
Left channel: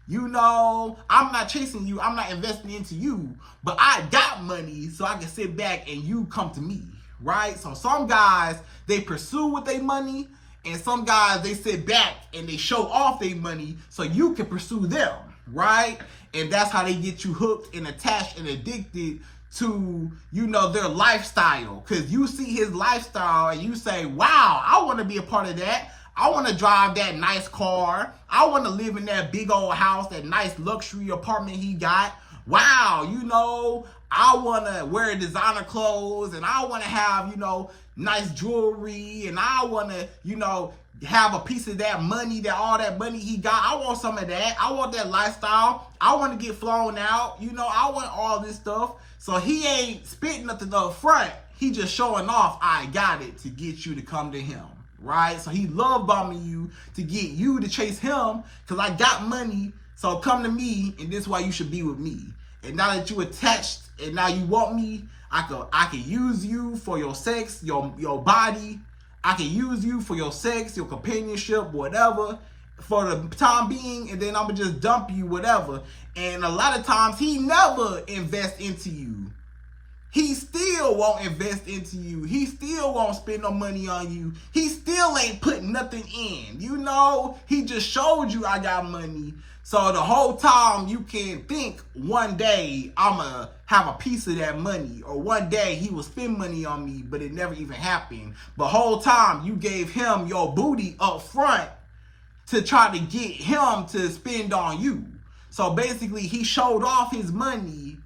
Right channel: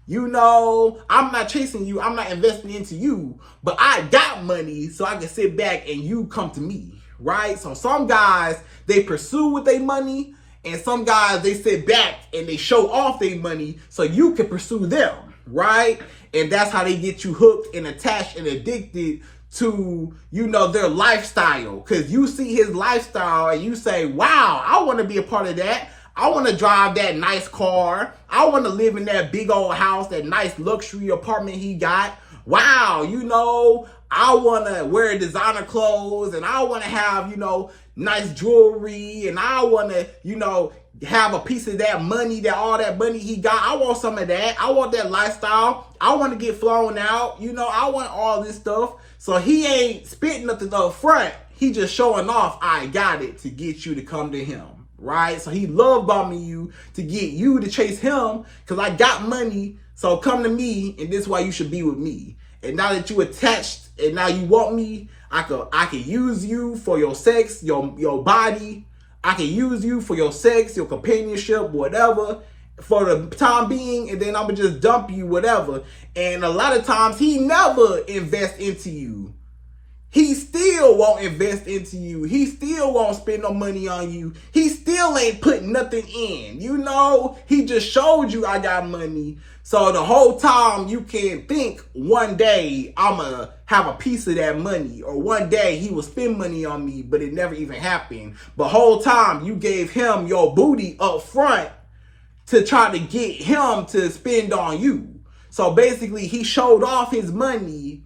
You know, I'm not chasing you. I'm not investing into you, but I got money so I can sit back and you come to me, right? So some guys, they pursue with their money, and some guys, they sit back and they show off their money so you can pursue them, right? And that's how they get you hooked and attached and addicted to, you know, their lifestyle. Because you see his lifestyle and you say, wow, I want to be a part of that. I want to drive that nice car. I want to live in that big old house, that nice luxury apartment he got. Wow, you know, I want to wear designer clothes, and I want to have, you know, nice jewelry, and I want to, you know, have a piece of that money, that all that money he got. I want some of that. I want that lifestyle. I want to get flown out. You know, I want all this stuff. So he ain't spitting nothing up front. He just showing off, I got it, to get you to come to him. Right? So he love bombing you to get you to chase him, because I got money, so come to me, and this is why you should be with me. And now that you attached and now you want me, I could use you for your sex, your body. I can use you for your sex, your companionship, whatever, for the time being, and then I'm gonna just dump you, whatever. And a lot of times he never invests into you. He still won't invest into you. He still won't spend no money on you. He still ain't putting nothing in. You know, he just showed you I got money. So the whole time you can think one day I'ma have a piece of that money, or one day he will spend money on me, but it never even happened. But whole time you gave him your booty up front to try to get him to spend on you. So basically he showed off his money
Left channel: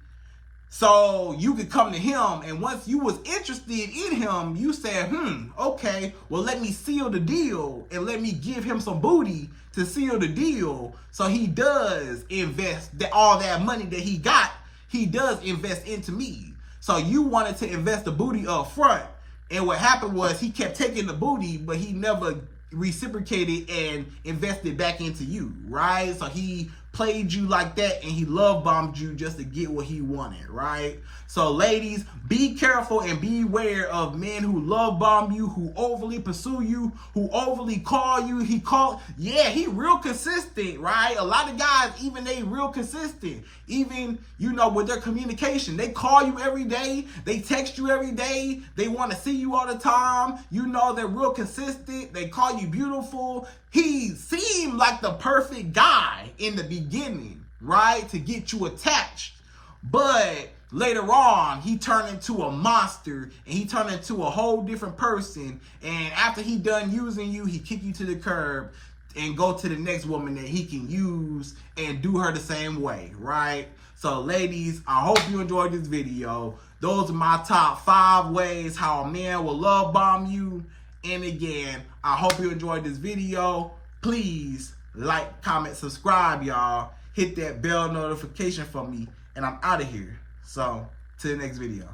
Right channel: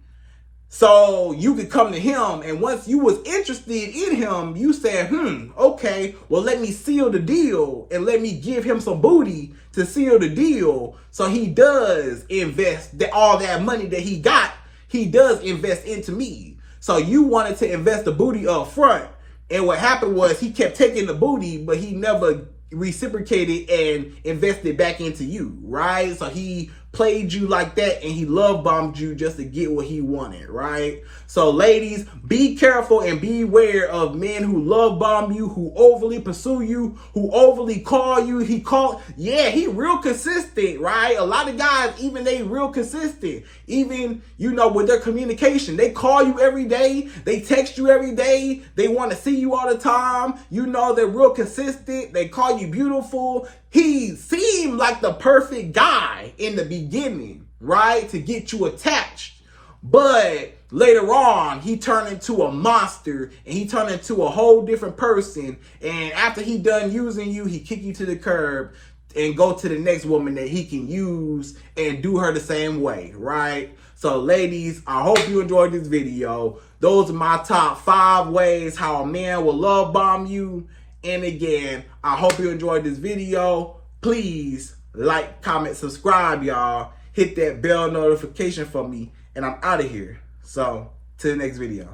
so you could come to him, and once you was interested in him, you said, okay, well, let me seal the deal and let me give him some booty to seal the deal. So he does invest all that money that he got, he does invest into me. So you wanted to invest the booty up front, and what happened was he kept taking the booty, but he never reciprocated and invested back into you, right? So he played you like that, and he love bombed you just to get what he wanted, right? So ladies, be careful and beware of men who love bomb you, who overly pursue you, who overly call you. He real consistent, right? A lot of guys, even they real consistent, even, you know, with their communication. They call you every day, they text you every day, they want to see you all the time. You know, they're real consistent, they call you beautiful. He seemed like the perfect guy in the beginning, right, to get you attached. But later on, he turned into a monster, and he turned into a whole different person. And after he done using you, he kick you to the curb and go to the next woman that he can use and do her the same way, right? So ladies, I hope you enjoyed this video. Those are my top 5 ways how a man will love bomb you. And again, I hope you enjoyed this video. Please like, comment, subscribe, y'all. Hit that bell notification for me, and I'm out of here. So, to the next video.